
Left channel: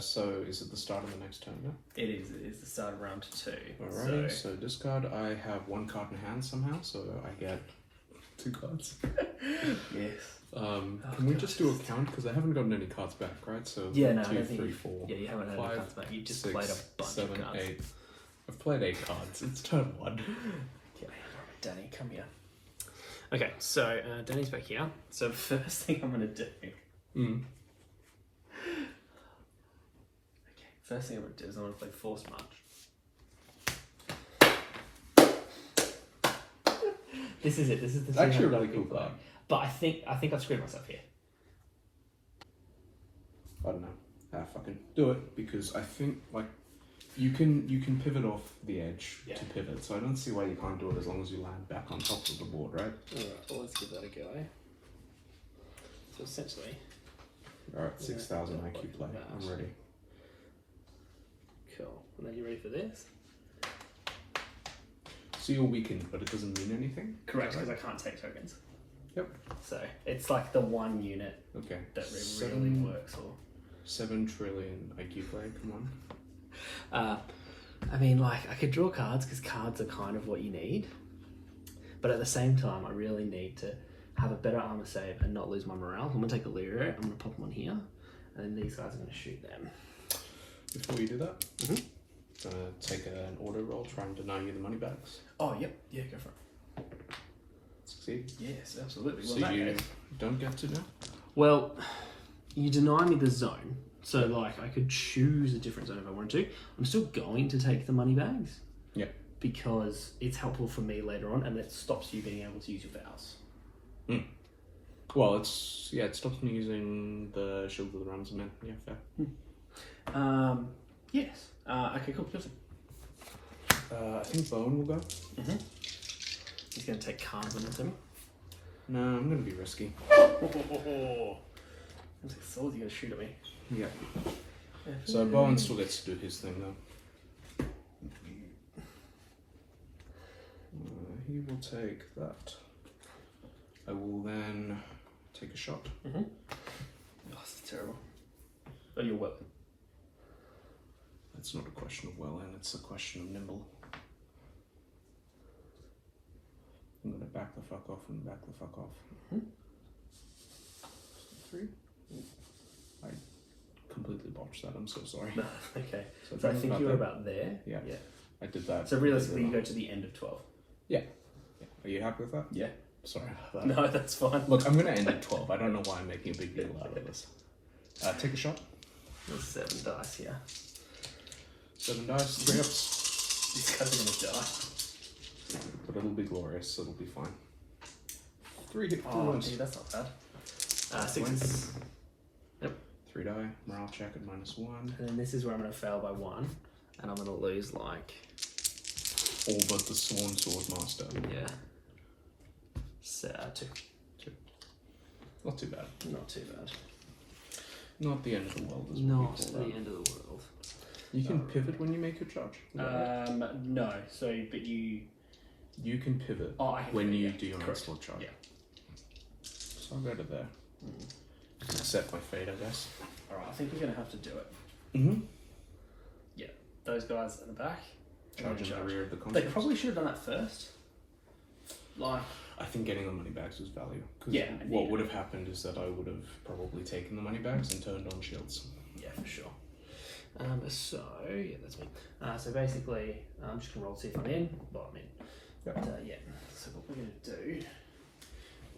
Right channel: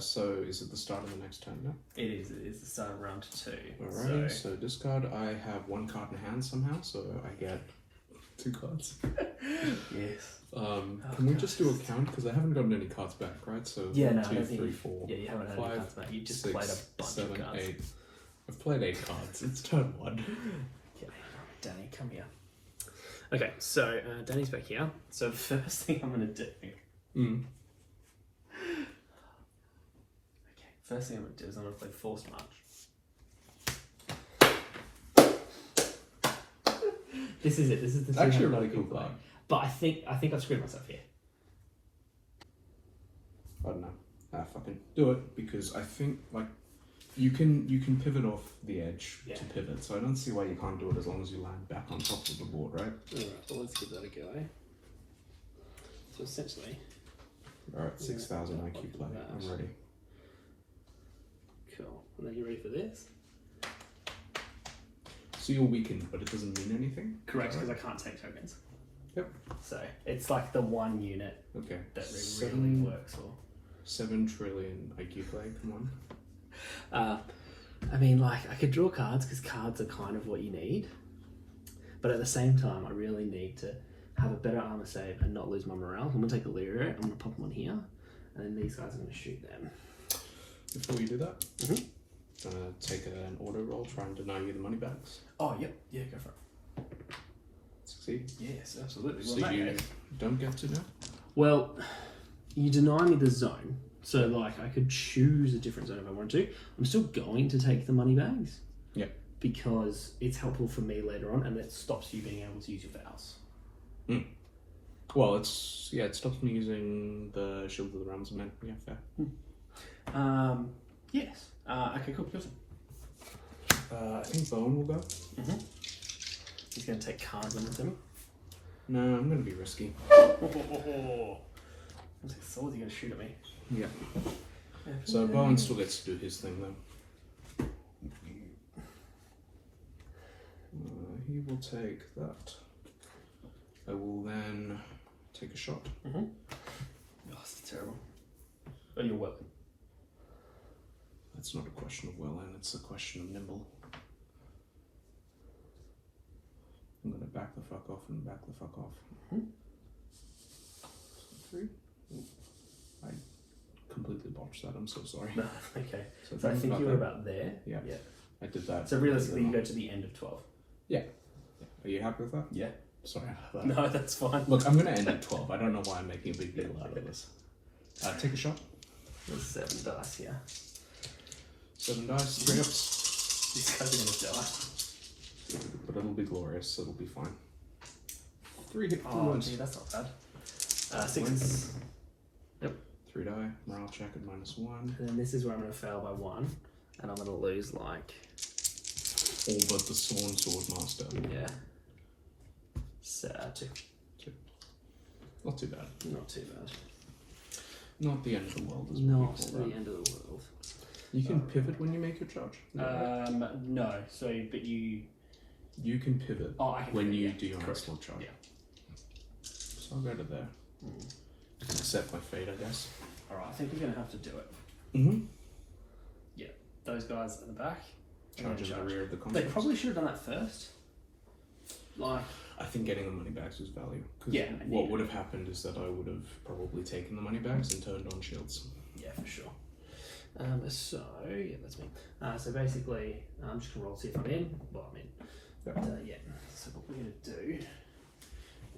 So is it the start of the next turn now? It is the start of round 2. Alrighty, so discard. I have 1 card in hand somehow, so I get 2 cards. Yes. Can we just do a count? Because I haven't gotten any cards back, right? So Yeah, no, 2, 3, 4, yeah, you haven't had 5, any cards back. You just 6, played a bunch 7, of cards. 8. I've played 8 cards. It's turn 1. Okay, Danny, come here. Okay, so Danny's back here. So first thing I'm going to do... Okay, first thing I'm going to do is I'm going to play Force March. This is it. This is the... It's actually a 200 really cool play. card. But I think I've screwed myself here. I don't know. Fucking do it, because I think like you can pivot off the edge to pivot. So I don't see why you can't do it as long as you land back on top of the board, right? Alright, well let's give that a go. So essentially... Alright, 6,000 IQ play. I'm ready. Cool. And then you ready for this? So you're weakened, but it doesn't mean anything? Correct, because I can't take tokens. Yep. So it's like the one unit Okay. that really works for. 7 trillion IQ play, come on. I mean, like, I could draw cards because cards are kind of what you need. But at the same time, I really need to have a better armor save and not lose my morale. I'm going to take a Daario, I'm going to pop them on here, and then these guys are going to shoot them. Before you do that, take an auto roll, try and deny you the money bags. Oh, yep. Yeah, go for it. Succeed. Yes, absolutely. So you don't get to now? Well, you deny me the zone. So, like, I could choose a different zone if I wanted to. I'm still going to take the money bags. Yeah. Because it's helpful for me later on, and it stops you being able to use your vows. Well, it stops me using the Shield of the Rams Man. Yeah, fair. Yes. Okay, cool. I think Bowen will go. He's going to take cards on him. No, I'm going to be risky. I was like, so you're going to shoot at me. Yeah. So Bowen still gets to do his thing though. He will take that. I will then take a shot. Mm-hmm. Oh, this is terrible. Oh, you're well. It's not a question of well, and it's a question of nimble. I'm gonna back the fuck off and back the fuck off. Mm-hmm. 3. I completely botched that. I'm so sorry. No, okay. So I think you were about there. Yeah. I did that. So realistically, you go to the end of 12. Yeah. Are you happy with that? Yeah. Sorry about that. No, that's fine. Look, I'm gonna end at 12. I don't know why I'm making a big deal out of this. Take a shot. There's 7 dice here. 7 dice, 3 ups. This guy's gonna die. But it'll be glorious. It'll be fine. 3 hit Oh, wounds. gee, that's not bad. 6. Yep. 3 die. Morale check at -1. And then this is where I'm gonna fail by 1, and I'm gonna lose like. All but the Sworn Sword Master. Yeah. So 2. Not too bad. Not too bad. Not the end of the world, is what Not we call the that. end of the world. You can pivot when you make your charge. Is that right? No. So, but you. You can pivot I can when pivot, you yeah. do your Correct. onslaught charge. Yeah. So I'll go to there. Accept my fate, I guess. All right. I think we're gonna have to do it. Mm-hmm. Yeah. Those guys in the back. Charge in the rear of the They construct. probably should have done that first. Like. I think getting the money bags was value. 'Cause Yeah, what yeah. would have happened is that I would have probably taken the money bags and turned on shields. Yeah, for sure. So yeah, that's me. So basically, I'm just gonna roll to see if I'm in. Well, I'm in. Yep. But yeah. So what we're gonna do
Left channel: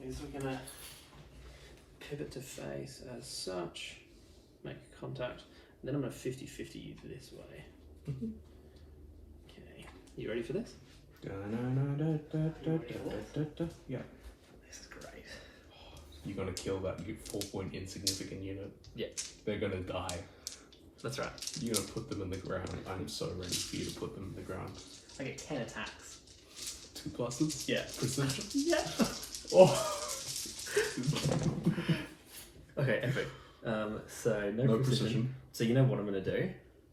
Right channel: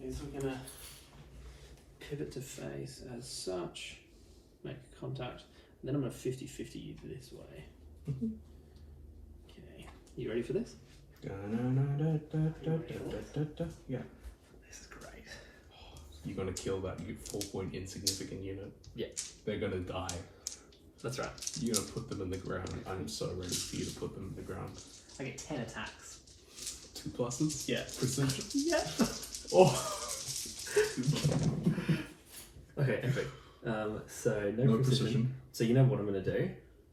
is we're gonna pivot to face as such, make contact, and then I'm gonna 50-50 you this way. Mhm. Okay. You ready for this? Yeah. This is great. You're gonna kill that 4-point insignificant unit. Yeah. They're gonna die. That's right. You're gonna put them in the ground. I'm so ready for you to put them in the ground. I get 10 attacks. 2 pluses? Yeah. Precision? Yeah. Oh! Okay, epic. So No precision. So you know what I'm gonna do?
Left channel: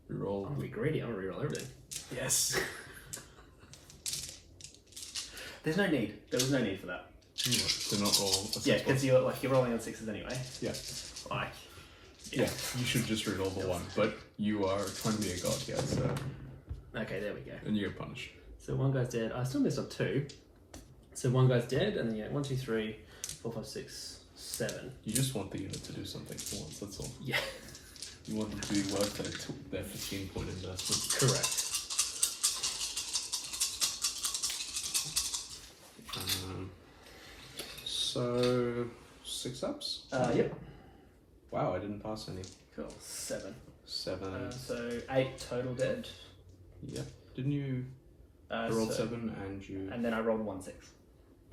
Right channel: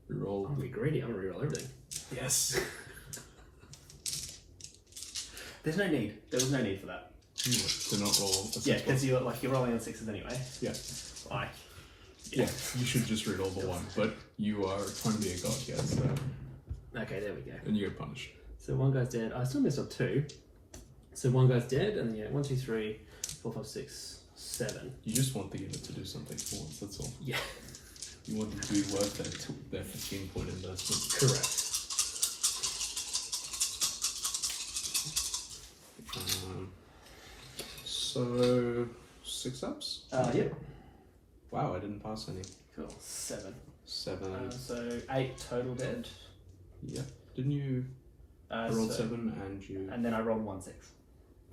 Reroll. I'm gonna be greedy. I'm gonna reroll everything. Yes! There's no need. There was no need for that. To not roll a 6 Yeah, because you're rolling on 6s anyway. Yeah. Like. Yeah, you should just reroll the 1, but you are trying to be a god here, so. Okay, there we go. And you get punished. So one guy's dead. I still missed on 2. So one guy's dead, and then you know 1, 2, 3, 4, 5, 6, 7. You just want the unit to do something for once, that's all. Yeah. You want them to be worth their 15-point investment. Correct. So 6 ups? Yeah. Wow, I didn't pass any. Cool. 7. 7. So 8 total dead. Yep. Didn't you? I rolled so- 7 and you. And then I rolled 1 6.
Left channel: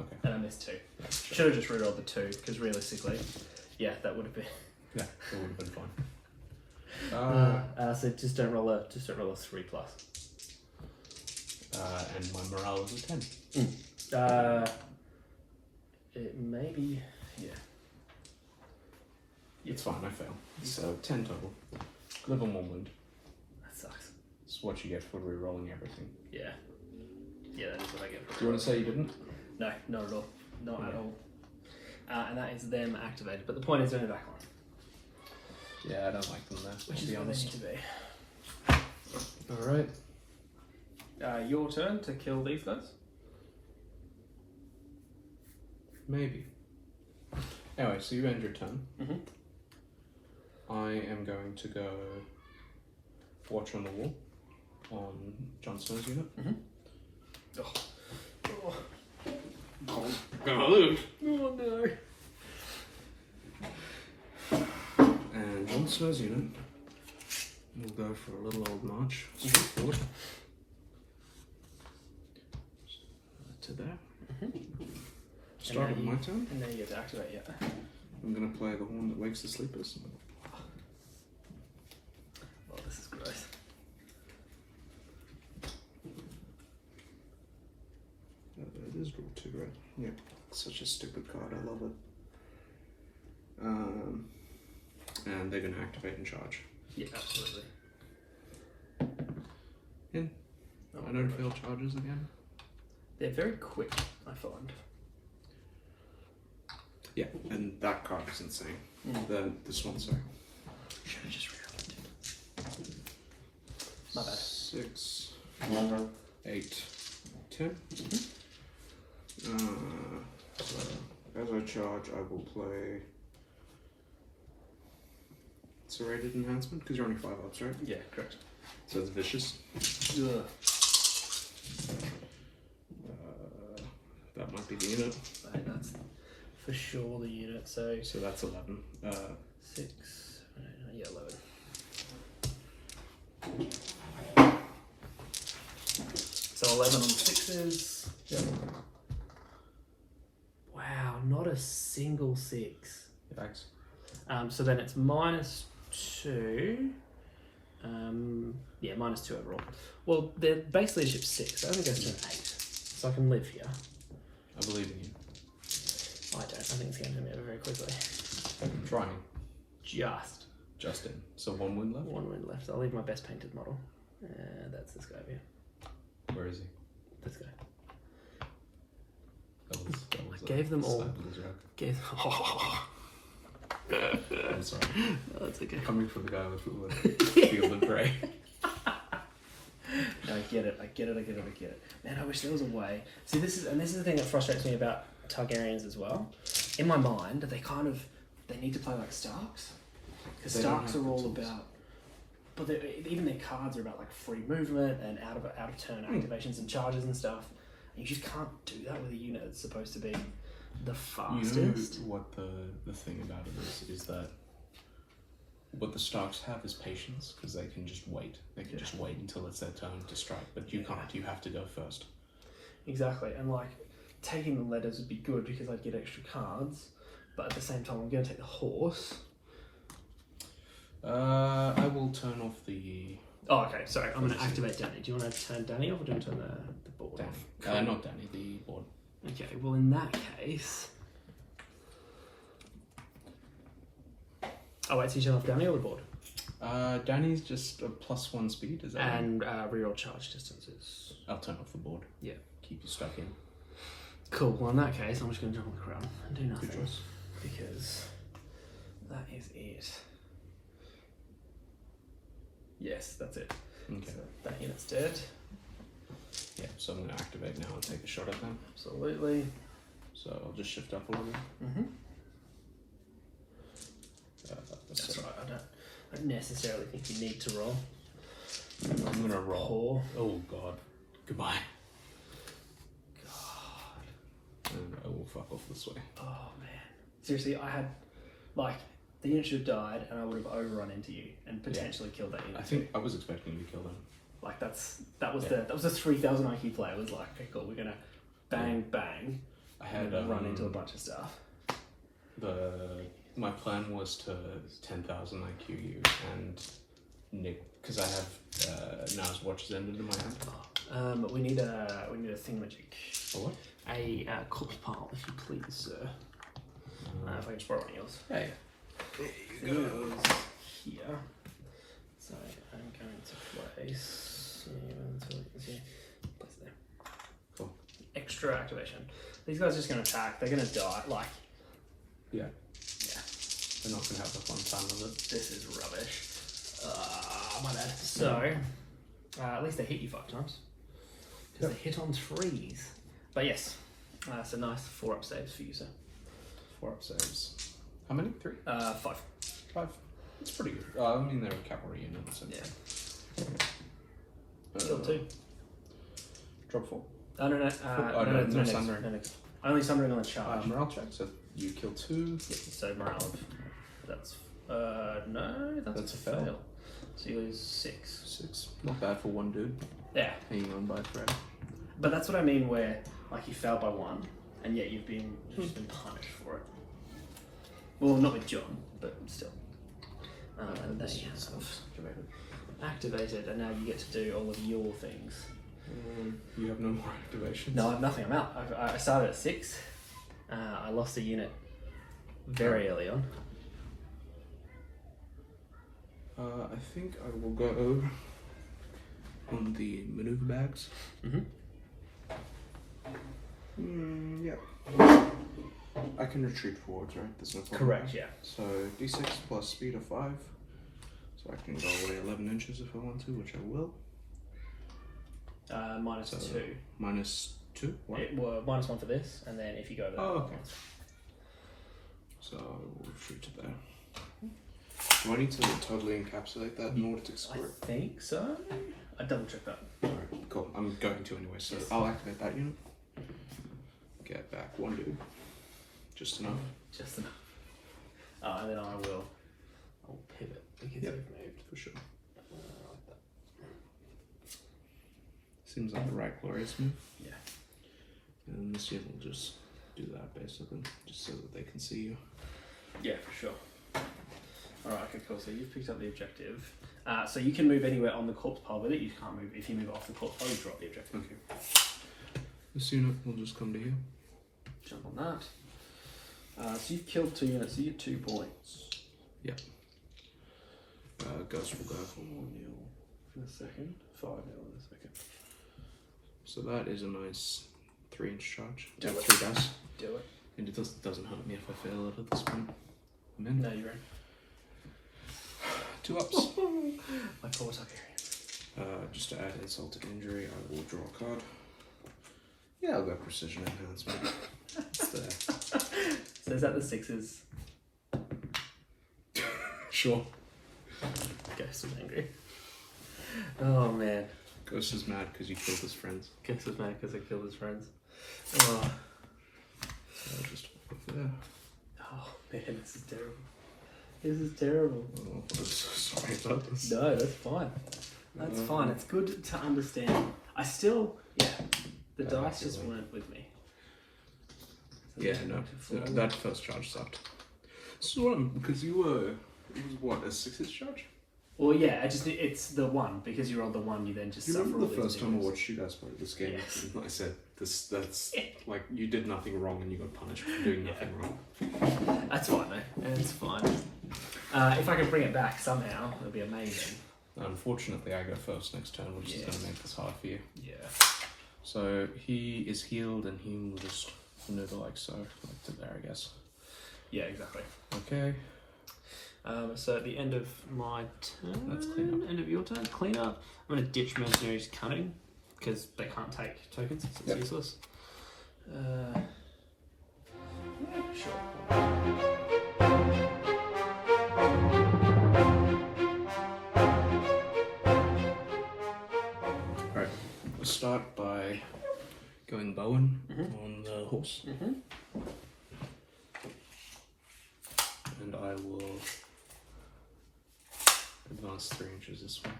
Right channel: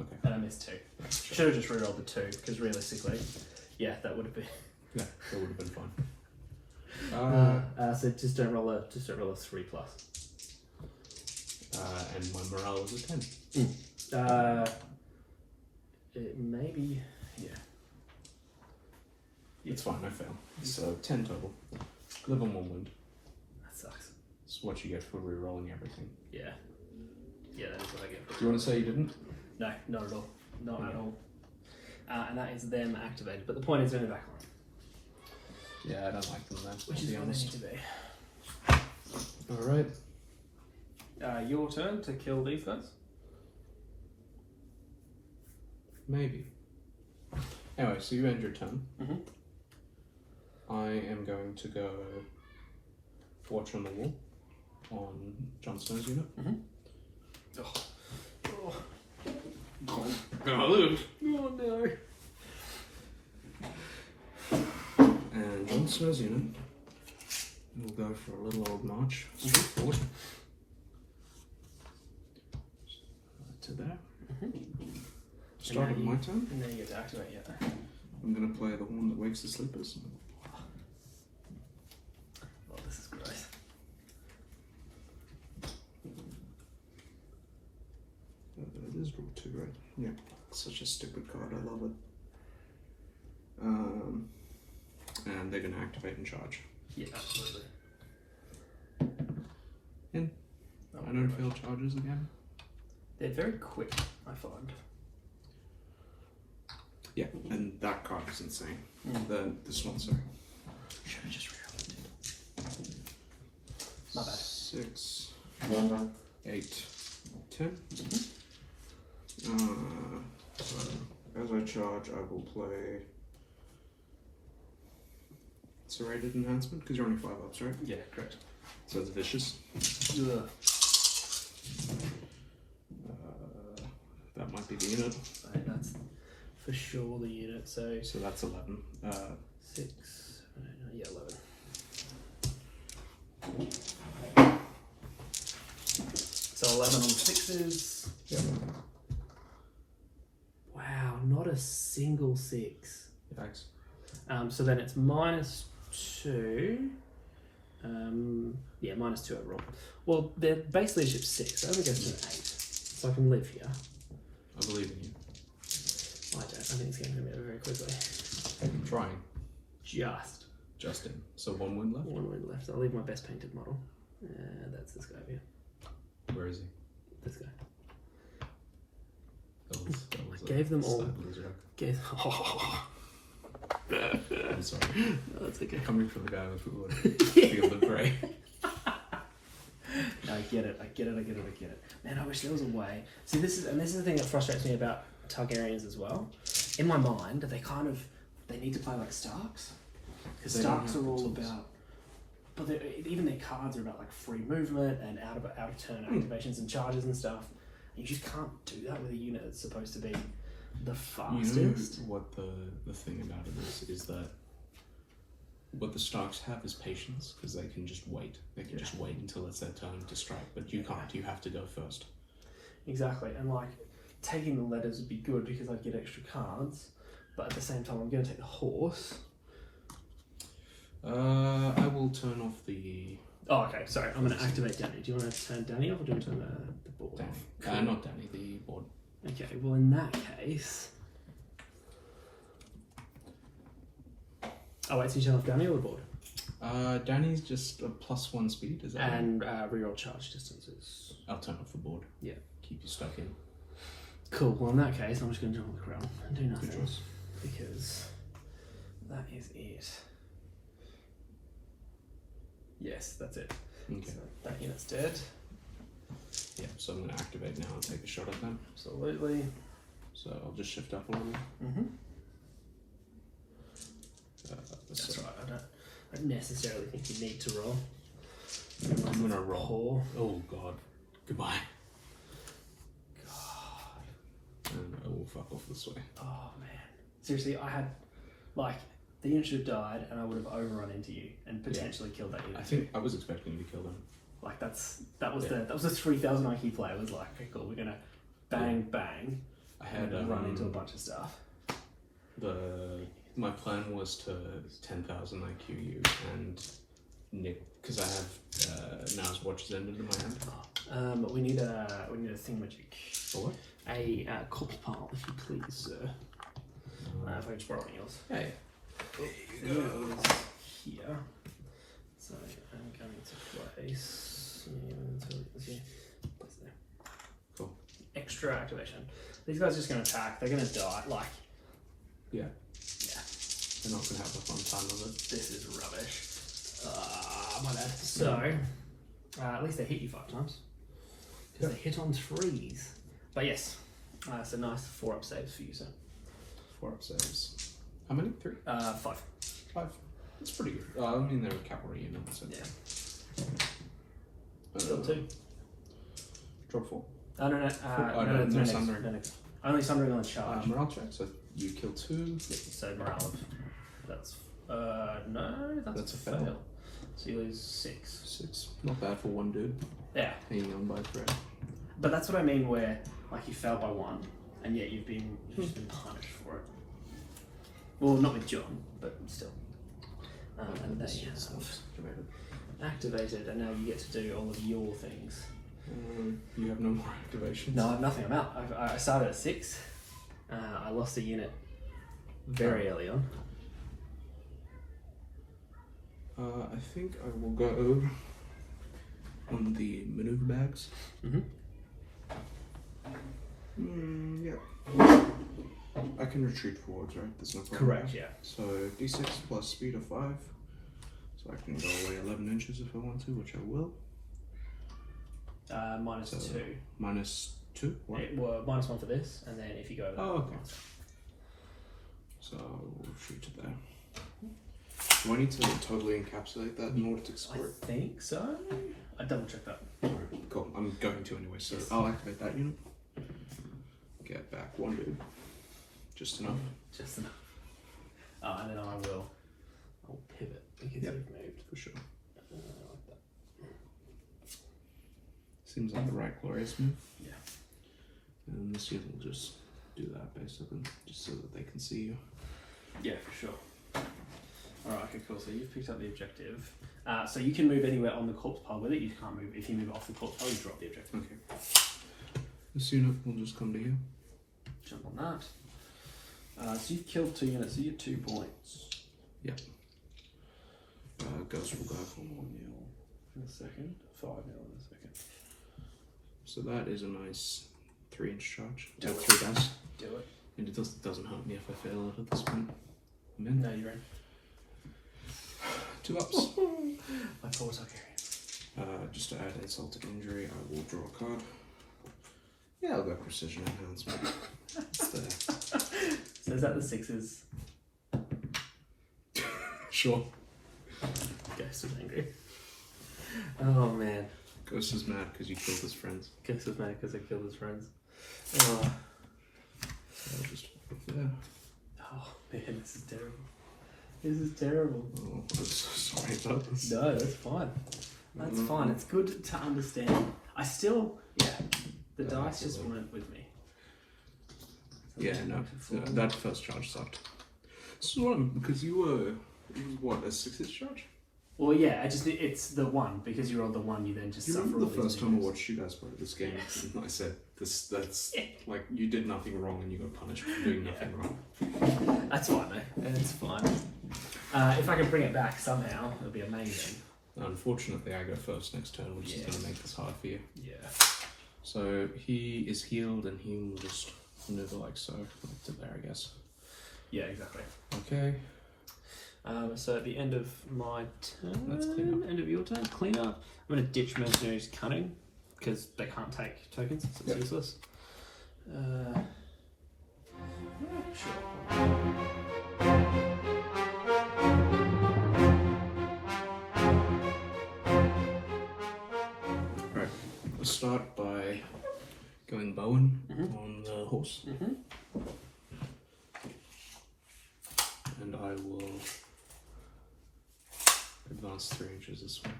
Okay. And I missed 2. Yeah, sure. Should have just rerolled the 2 because realistically, yeah, that would have been. Yeah, that would have been fun. So just don't roll a 3 plus. And my morale is a 10. It maybe yeah. It's fine, I fail. So 10 total. Live on 1 wound. That sucks. It's what you get for re-rolling everything. Yeah. Yeah, that is what I get. Do you want to say you didn't? No, not at all. Not at Yeah. all. And that is them activated. But the point is they're in the back line. Yeah, I don't like them there, Which to is be what they honest. need to be. Alright. Your turn to kill these guys. Maybe. Anyway, so you end your turn. Mm-hmm. I am going to go watch on the wall on Jon Snow's unit. Mm-hmm. Oh, Gonna lose. no. And Jon Snow's unit will go for a little old march straight forward. To there. Start of my turn. And then you get to activate, yeah. I'm going to play the horn that wakes the sleepers. Oh, this is gross. It is draw 2, right? Yeah. Such a stupid card. I love it. And they're going to activate and charge. Yeah, absolutely. In. I don't fail charges again. They're very quick, I find. Yeah, and that card is insane. This one, sorry. Should have just realized. My bad. 6, 8, 10. So as I charge, I will play Serrated Enhancement, because you're only 5 ups, right? Yeah, correct. So it's vicious. Yeah. That might be the unit. Right, that's for sure the unit. So that's 11. 6. Yeah, 11. So 11 on 6s. Yeah. Wow, not a single 6. Thanks. So then it's -2. Yeah, -2 overall. Well, their base leadership's 6. That only goes to an 8. So I can live here. I believe in you. I don't. I think it's going to be over very quickly. I'm trying. Just in. So 1 win left? 1 win left. I'll leave my best painted model. That's this guy here. Where is he? This guy. That was Gave them all. little joke. I'm sorry. No, that's okay. Coming from the guy with Field of Prey. No, I get it. Man, I wish there was a way. See, this is the thing that frustrates me about Targaryens as well. In my mind, they need to play like Starks. Because Starks are all about, but even their cards are about like free movement and out of turn activations and charges and stuff. And you just can't do that with a unit that's supposed to be the fastest. You know what the thing about it is that what the Starks have is patience, because they can just wait. They can just wait until it's their turn to strike, but you can't. You have to go first. Exactly, and like taking the letters would be good because I'd get extra cards, but at the same time I'm going to take the horse. I will turn off the... Oh, okay, sorry. I'm going to activate Danny. Do you want to turn Danny off or do you want to turn the board Danny. off? Cool. Not Danny, the board. Okay, well in that case... Oh wait, so you turn off Danny or the board? Danny's just a +1 speed, is that right? And reroll charge distances. I'll turn off the board. Yeah. Keep you stuck in. Cool, well in that case I'm just going to jump on the crown and do nothing. Good choice. Because that is it. Yes, that's it. Okay. So that unit's dead. Yeah, so I'm going to activate now and take a shot at them. Absolutely. So I'll just shift up a little. Mm-hmm. So That's right, I don't necessarily think you need to roll. I'm going to roll. Oh god. Goodbye. God. And I will fuck off this way. Oh man. Seriously, I had, like, the unit should have died and I would have overrun into you and potentially killed that unit. I think I was expecting you to kill them. Like that was the 3,000 IQ play. It was like, okay, cool, we're gonna bang. I had run into a bunch of stuff. My plan was to 10,000 IQ you and nick, because I have Now's Watch has ended in my hand. But we need a thingamagic. A what? A corpse pile, if you please, sir. If I can just borrow one of yours. Yeah. There you go. Here. So I'm going to place. Place there. Cool. Extra activation. These guys are just going to attack. They're going to die. Like. Yeah. They're not going to have the fun time of it. This is rubbish. My bad. So, at least they hit you 5 times. Because they hit on 3s. But yes, so nice 4-up saves for you, sir. 4-up saves. How many? 3? 5. 5. It's pretty good. I mean, they're a cavalry unit, so... Yeah. Kill 2. Drop 4. Oh, no. No Sunburn. No. Only Sunburn on charge. Morale check, so you kill 2. So morale. That's no, that's a fail. So you lose 6. 6. Not bad for one dude. Yeah. Hanging on by a thread. But that's what I mean, where like you failed by 1, and yet you've been punished for it. Well, not with John, but still. And This they is activated, and now you get to do all of your things. You have no more activations. No, I have nothing. I'm out. I started at 6. I lost a unit very early on. I think I will go on the maneuver bags. Mm-hmm. Yeah. I can retreat forwards, right? There's no problem. Correct, yeah. So d6 plus speed of 5. So I can go away 11 inches if I want to, which I will. Minus So, 2. Minus 2? What? Well, minus 1 for this, and then if you go over. Oh, okay. So we'll retreat to there. Do I need to totally encapsulate that in order to score it? I think so. I double check that. Alright, cool. I'm going to anyway, so I'll activate that unit. Get back 1 dude. Just enough. Just enough. And then I'll pivot because you've moved. For sure. Like that. Seems like the right glorious move. Yeah. And this unit will just do that basically, just so that they can see you. Yeah, for sure. Alright, okay, cool. So you've picked up the objective. So you can move anywhere on the corpse pile with it. You can't move. If you move off the corpse pile, you drop the objective. Okay. This unit will just come to you. Jump on that. So you've killed 2 units, so you get 2 points. Yep. Ghost will go. 4 nil in a second. 5 nil in a second. So that is a nice 3-inch charge. At 3 dice. Do it. And it doesn't hurt me if I fail it at this point. I'm in. No, you're in. 2 ups. My poor Targaryen. Just to add insult to injury, I will draw a card. Yeah, I'll go precision enhancement. So is that the 6s? Sure. Ghost is angry. Oh man. Ghost is mad because you killed his friends. Ghost is mad because I killed his friends. Oh. So I'll just put there. Oh man, this is terrible. This is terrible. Oh, I'm so sorry about this. No, that's fine. That's fine. It's good to understand. I still, the dice just weren't with me. So Yeah, no, that first charge sucked. So because you were, it was what, a 6-inch charge? Well, yeah, it's the 1 because you rolled the 1. You then just. Do you remember suffer the all first these time I damage. watched you guys play this game? Yes. And I said that's like you did nothing wrong and you got punished for doing nothing wrong. That's fine, mate. It's fine. If I can bring it back somehow, it'll be amazing. Unfortunately, I go first next turn, which is going to make this hard for you. Yeah. So he is healed and he will just maneuver like so, like to there, I guess. Yeah, exactly. Okay. So at the end of my turn, That's clean up. end of your turn, clean up. I'm going to ditch Mercenaries Cunning because they can't take tokens. So it's useless. Sure. Alright, we'll start by going Bowen on the horse. And I will advance 3 inches this way.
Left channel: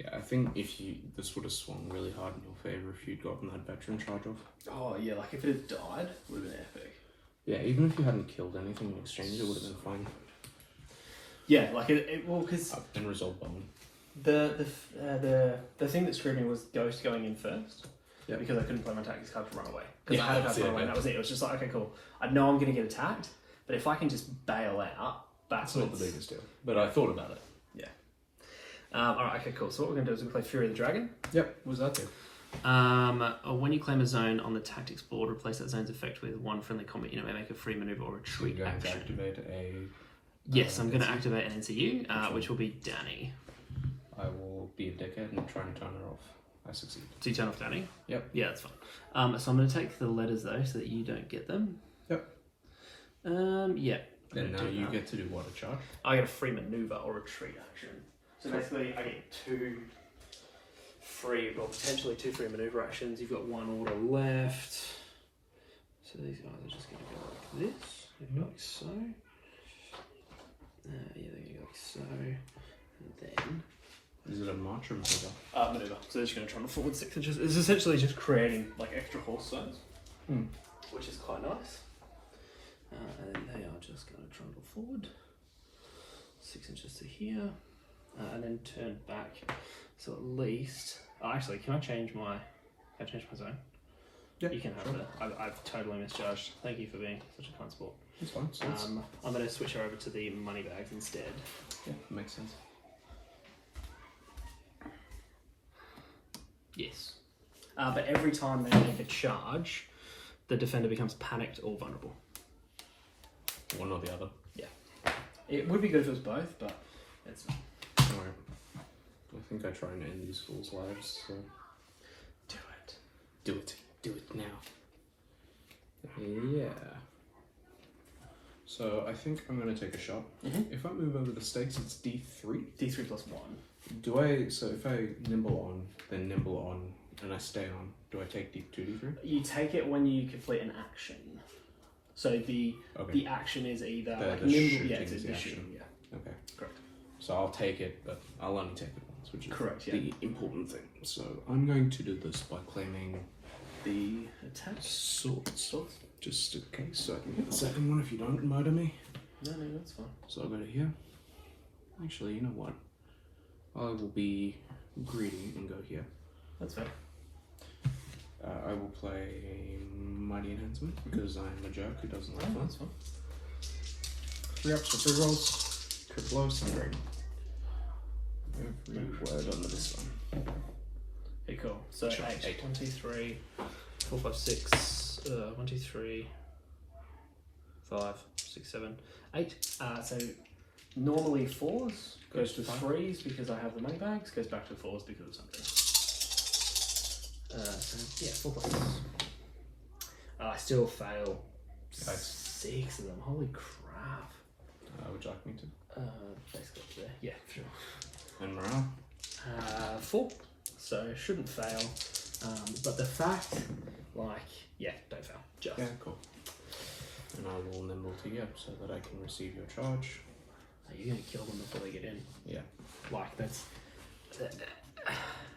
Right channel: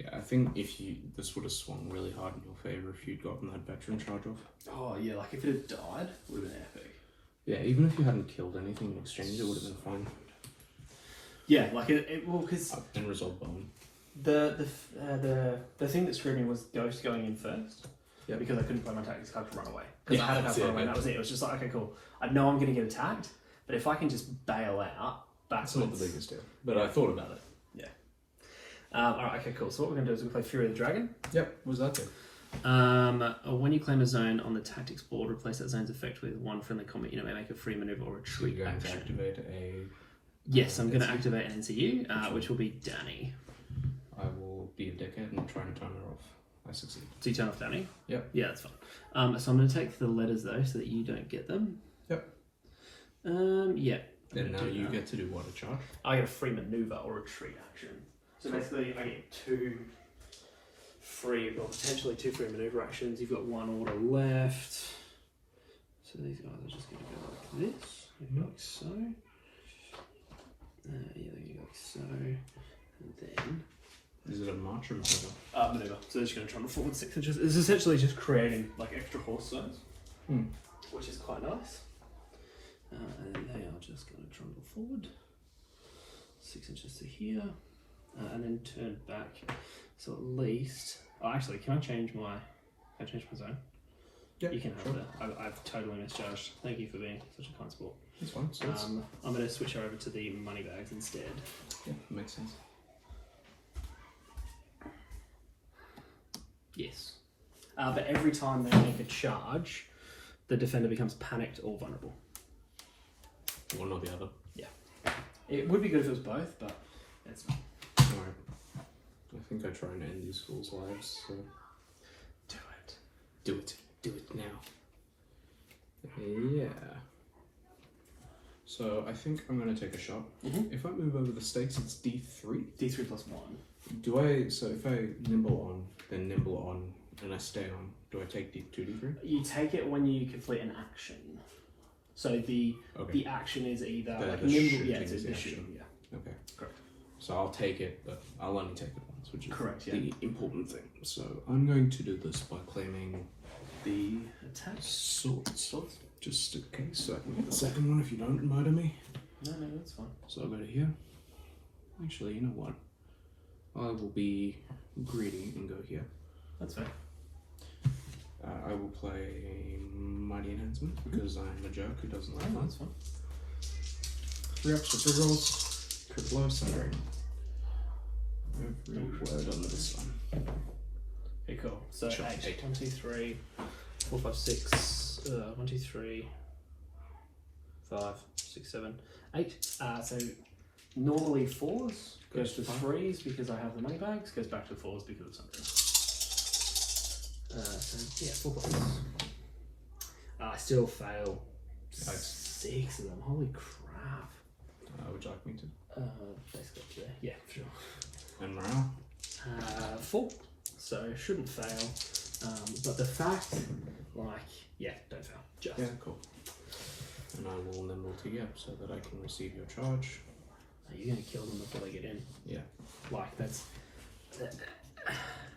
Yeah, I think this would have swung really hard in your favor if you'd gotten that veteran charge off. Oh yeah, like if it had died, would have been epic. Yeah, even if you hadn't killed anything in exchange, it would have been fine. Yeah, like well, because And resolve Bowen. the thing that screwed me was Ghost going in first. Yep. Because I couldn't play my tactics card to run away. Because Yeah, I had that's to it, run away. yeah. That was it. It was just like, okay, cool. I know I'm going to get attacked, but if I can just bail out That's backwards. not the biggest deal, but I thought about it. Yeah. Alright, okay, cool. So what we're going to do is we play Fury of the Dragon. Yep, what does that do? When you claim a zone on the tactics board, replace that zone's effect with 1 friendly combat unit may make a free maneuver or So you're retreat going to action. activate a... Yes, I'm going to NCU? activate an NCU, which will be Danny. I will be a dickhead and try and turn her off. I succeed. Do you turn off Danny? Yep. Yeah, that's fine. So I'm going to take the letters though, so that you don't get them. Yep. Yeah. Then now you get to do what, a charge? I get a free maneuver or retreat action. So basically, I get 2 free, well, potentially 2 free maneuver actions. You've got 1 order left. So these guys are just going to go like this, like so. Yeah, they're going to go like so. And then. Is it a march or maneuver? Maneuver. So they're just going to trundle forward 6 inches. It's essentially just creating like extra horse zones, which is quite nice. And then they are just going to trundle forward 6 inches to here, and then turn back. So at least, actually, can I change my zone? Yeah, You can have sure. that. I've totally misjudged. Thank you for being such a kind sport. That's fine. So I'm going to switch her over to the money bags instead. yeah, makes sense. Yes. But every time they make a charge, the defender becomes panicked or vulnerable. One or the other. Yeah. It would be good if it was both, but it's not. Alright. I think I try and end these fools' lives, so... Do it. Do it. Do it now. Yeah. So I think I'm going to take a shot. If I move over the stakes, it's D3. D3 plus 1. Do I... So if I nimble on, then nimble on, and I stay on, do I take D2, D3? You take it when you complete an action. So the action is either The nimble, shooting it's is the the action. shooting, yeah. Okay. Correct. So I'll take it, but I'll only take it once, which is Correct, yeah. the important thing. So I'm going to do this by claiming the Attack. swords. Just in case, so I can get the second one if you don't murder me. No, that's fine. So I'll go to here. Actually, you know what? I will be greedy and go here. That's fair. I will play Mighty Enhancement because I'm a jerk who doesn't like fun. That's fine. 3 ups for 3 rolls. Could blow Sundering. Every word under the sun. Okay, cool. So Sure, 8. eight. 1, 2, 3, 4, 5, 6. 1, 2, 3, 5, 6, 7, 8. So normally 4s goes to 3s because I have the money bags, goes back to 4s because of something. So yeah, 4 points. I still fail Yikes. 6 of them. Holy crap. Would you like me to? Basically, yeah, sure. And morale? 4, so shouldn't fail. But the fact, like, yeah, don't fail. Just. Yeah, cool. And I will nimble to you so that I can receive your charge. Are you going to kill them before they get in? Yeah. Like, that's...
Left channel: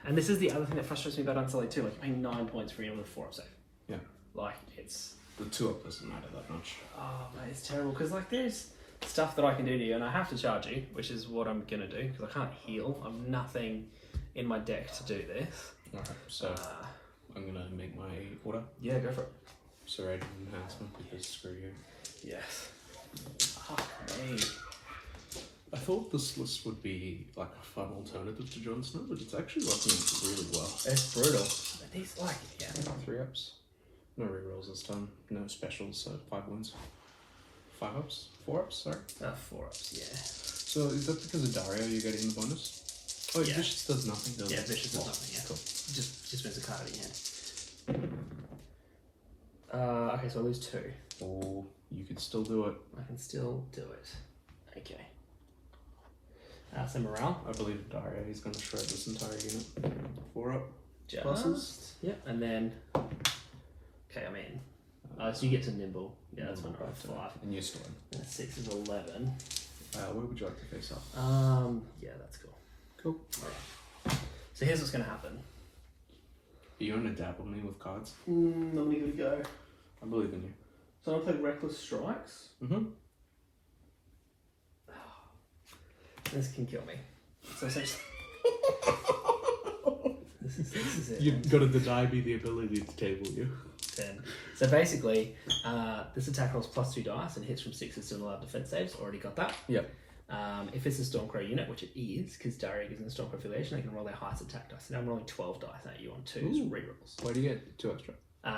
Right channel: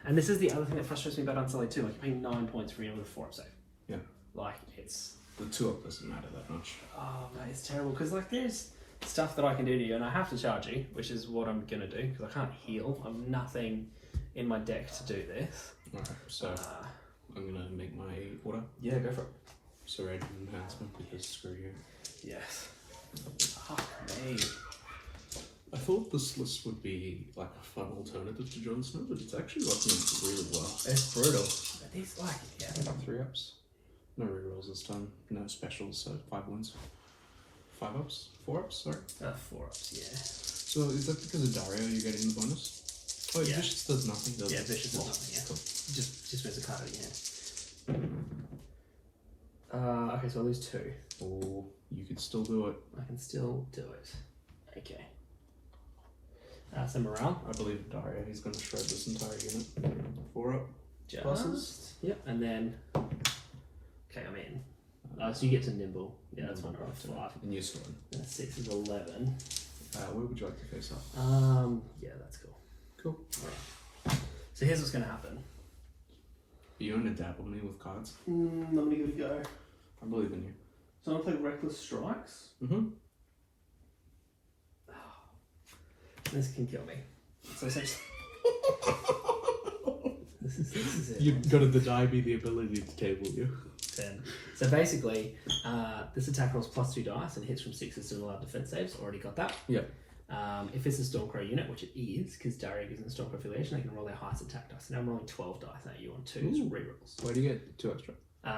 And this is the other thing that frustrates me about Unsullied too. Like, you're paying 9 points for your 4 up save. Yeah. Like, it's... The 2 up doesn't matter that much. Oh, man, it's terrible. Because, like, there's stuff that I can do to you, and I have to charge you, which is what I'm going to do, because I can't heal. I have nothing in my deck to do this. Alright, so I'm going to make my order. Yeah, go for it. Serrated Enhancement because screw you. Yes. Okay. I thought this list would be like a fun alternative to Jon Snow, but it's actually working really well. It's brutal. But these, like, yeah. 3 ups. No rerolls this time. No specials, so 5 wins. 5 ups? 4 ups, sorry. 4 ups, yeah. So is that because of Daario you're getting the bonus? Oh, Yeah. Vicious does nothing, does it? Yeah, Vicious does nothing, yeah. Cool. Just moves the card in your hand. Okay, so I lose 2. Or you could still do it. I can still do it. Okay. So morale. I believe Daario, he's going to shred this entire unit. 4 up. Pluses. Yep, and then... Okay, I'm in. So you get to nimble. Yeah, that's Nimble one back to 5. And you still in. And 6 is 11. Where would you like to face up? Yeah, that's cool. Cool. Alright. So here's what's going to happen. Are you going to dabble me with cards? I'm going to give it a go. I believe in you. So I'm going to play Reckless Strikes. Mm-hmm. This can kill me. So essentially... this is it. You've got to deny me the ability to table you. 10. So basically, this attack rolls +2 dice and hits from 6 with similar defense saves. Already got that. Yep. If it's a Stormcrow unit, which it is, because Daario gives them the Stormcrow affiliation, they can roll their highest attack dice. And I'm rolling 12 dice at you on 2s rerolls. Where do you get 2 extra?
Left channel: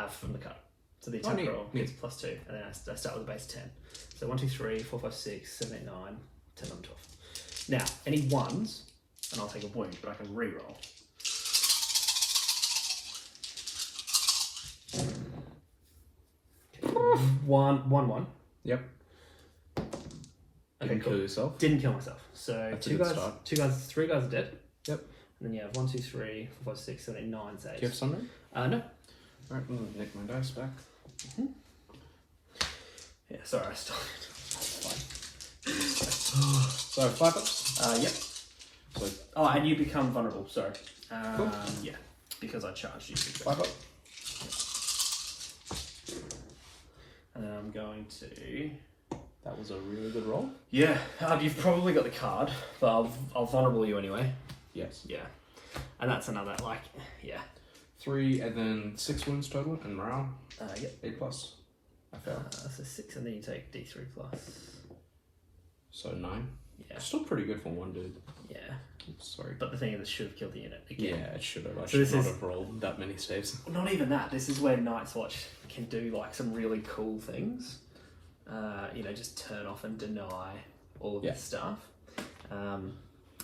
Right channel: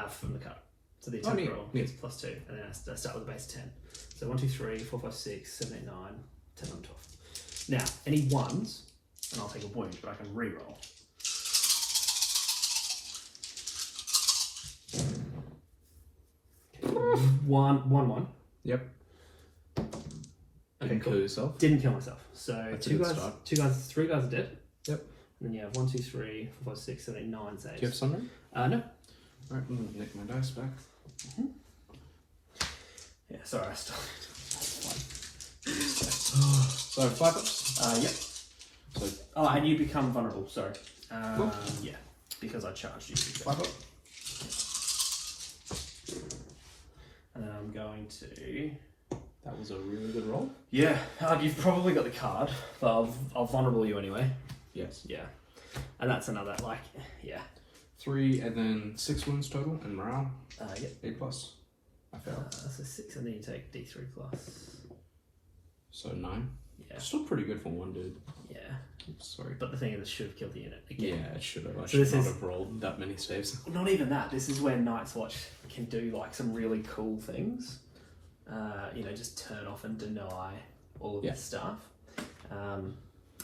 From the card. So the attack neat, roll neat. is +2, and then I start with a base 10. So 1, 2, 3, 4, 5, 6, 7, 8, 9, 10, 11, 12. Now, any 1s, and I'll take a wound, but I can reroll. One. Yep. Okay, Didn't cool. kill yourself. Didn't kill myself. So That's a two good guys, 3 guys are dead. Yep. And then you have 1, 2, 3, 4, 5, 6, 7, 8, 9 saves. Do you have Sundering? No. Alright, I'm going to nick my dice back. Yeah, sorry, I stole it. That's So 5 ups? fine. Yep. So And you become vulnerable, so. Cool. Yeah, because I charged you. 5 up. And then I'm going to. That was a really good roll. Yeah, you've probably got the card, but I'll vulnerable you anyway. Yes. Yeah. And that's another, like, yeah. 3 and then 6 wounds total and morale. Yep. 8 plus. I failed. So 6, and then you take D3 plus. So 9. Yeah. Still pretty good for one dude. Yeah. Oops, sorry. But the thing is, it should have killed the unit again. Yeah, it should have. I So should this not is- have rolled that many saves. Not even that. This is where Night's Watch can do like some really cool things. You know, just turn off and deny all of this stuff.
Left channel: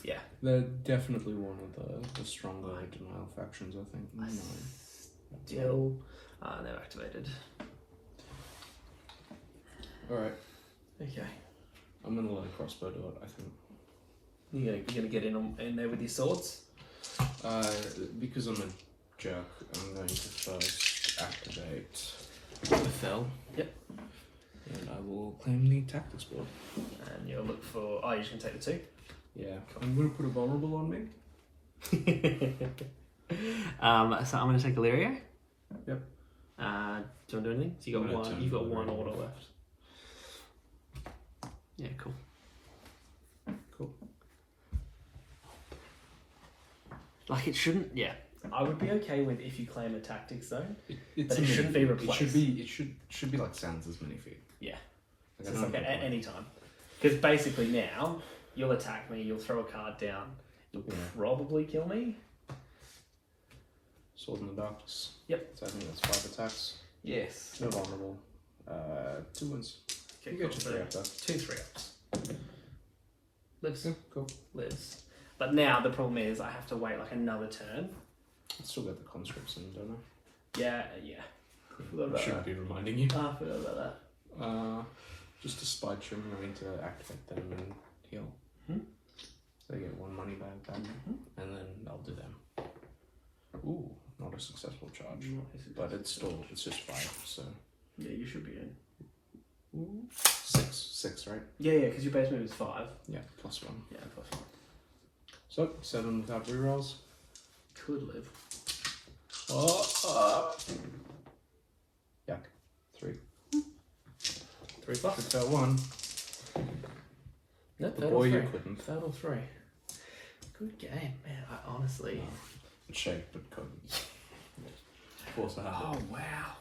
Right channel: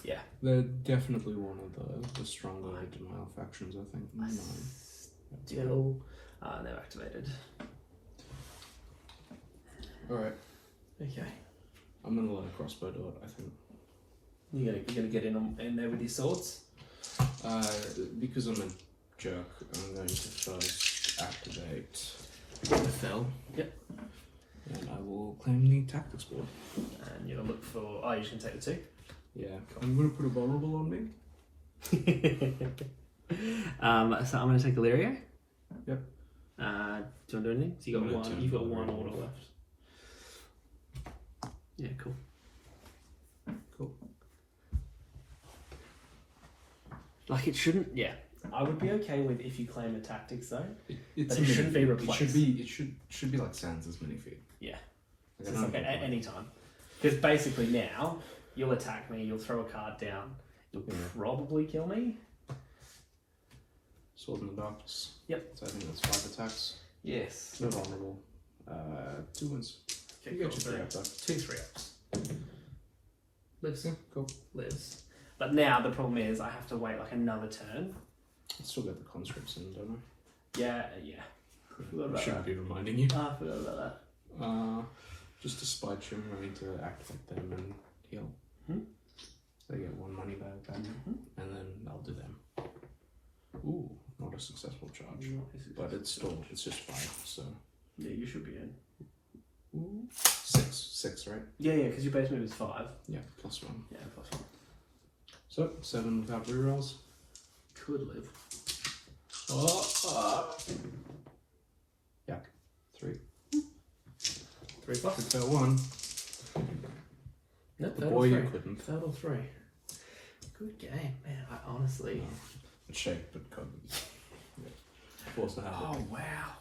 Yeah. They're definitely one of the stronger denial factions, I think. No. Still, they've activated. Alright, Okay. I'm gonna let a crossbow do it, I think. You're gonna get in there with your swords? Because I'm a jerk, I'm going to first activate the fell. Yep. And I will claim the tactics board. And you'll look for... Oh, you're just going to take the 2? Yeah. I'm going to put a vulnerable on me. So I'm going to take Illyria. Yep. Do you want to do anything? So you've got one order left. Yeah, cool. Cool. Like it shouldn't... Yeah. I would be okay with if you claim a tactics though. It's But it shouldn't be It replaced. should be like Sansa's minifeed. Yeah. Like, So it's like at any time. Because basically now, you'll attack me, you'll throw a card down, you'll probably kill me. Sword in the Darkness. Yep. So I think that's 5 attacks. Yes. No vulnerable. 2 wins. Okay, You get cool. your 3 up though. 2 3-ups. Lives. Yeah, cool. Lives. But now the problem is I have to wait like another turn. I still got the conscripts in, don't I? Yeah. Forgot about I shouldn't that. be reminding you. Oh, I forgot about that. Just to spite you, I'm going to activate them and heal. They get 1 money back, and then I'll do them. Ooh, not a successful charge, but it's just 5, so. Yeah, you should be in. Ooh, 6, right? Yeah, because your base move is 5. Yeah, +1. Yeah, +1. So 7 without rerolls. Could live. Yak. 3. 3 bucks. Took that 1. No, The boy you couldn't. Third or 3. Good game, man. I honestly. It's shake, but couldn't. Forced to have it. Oh wow.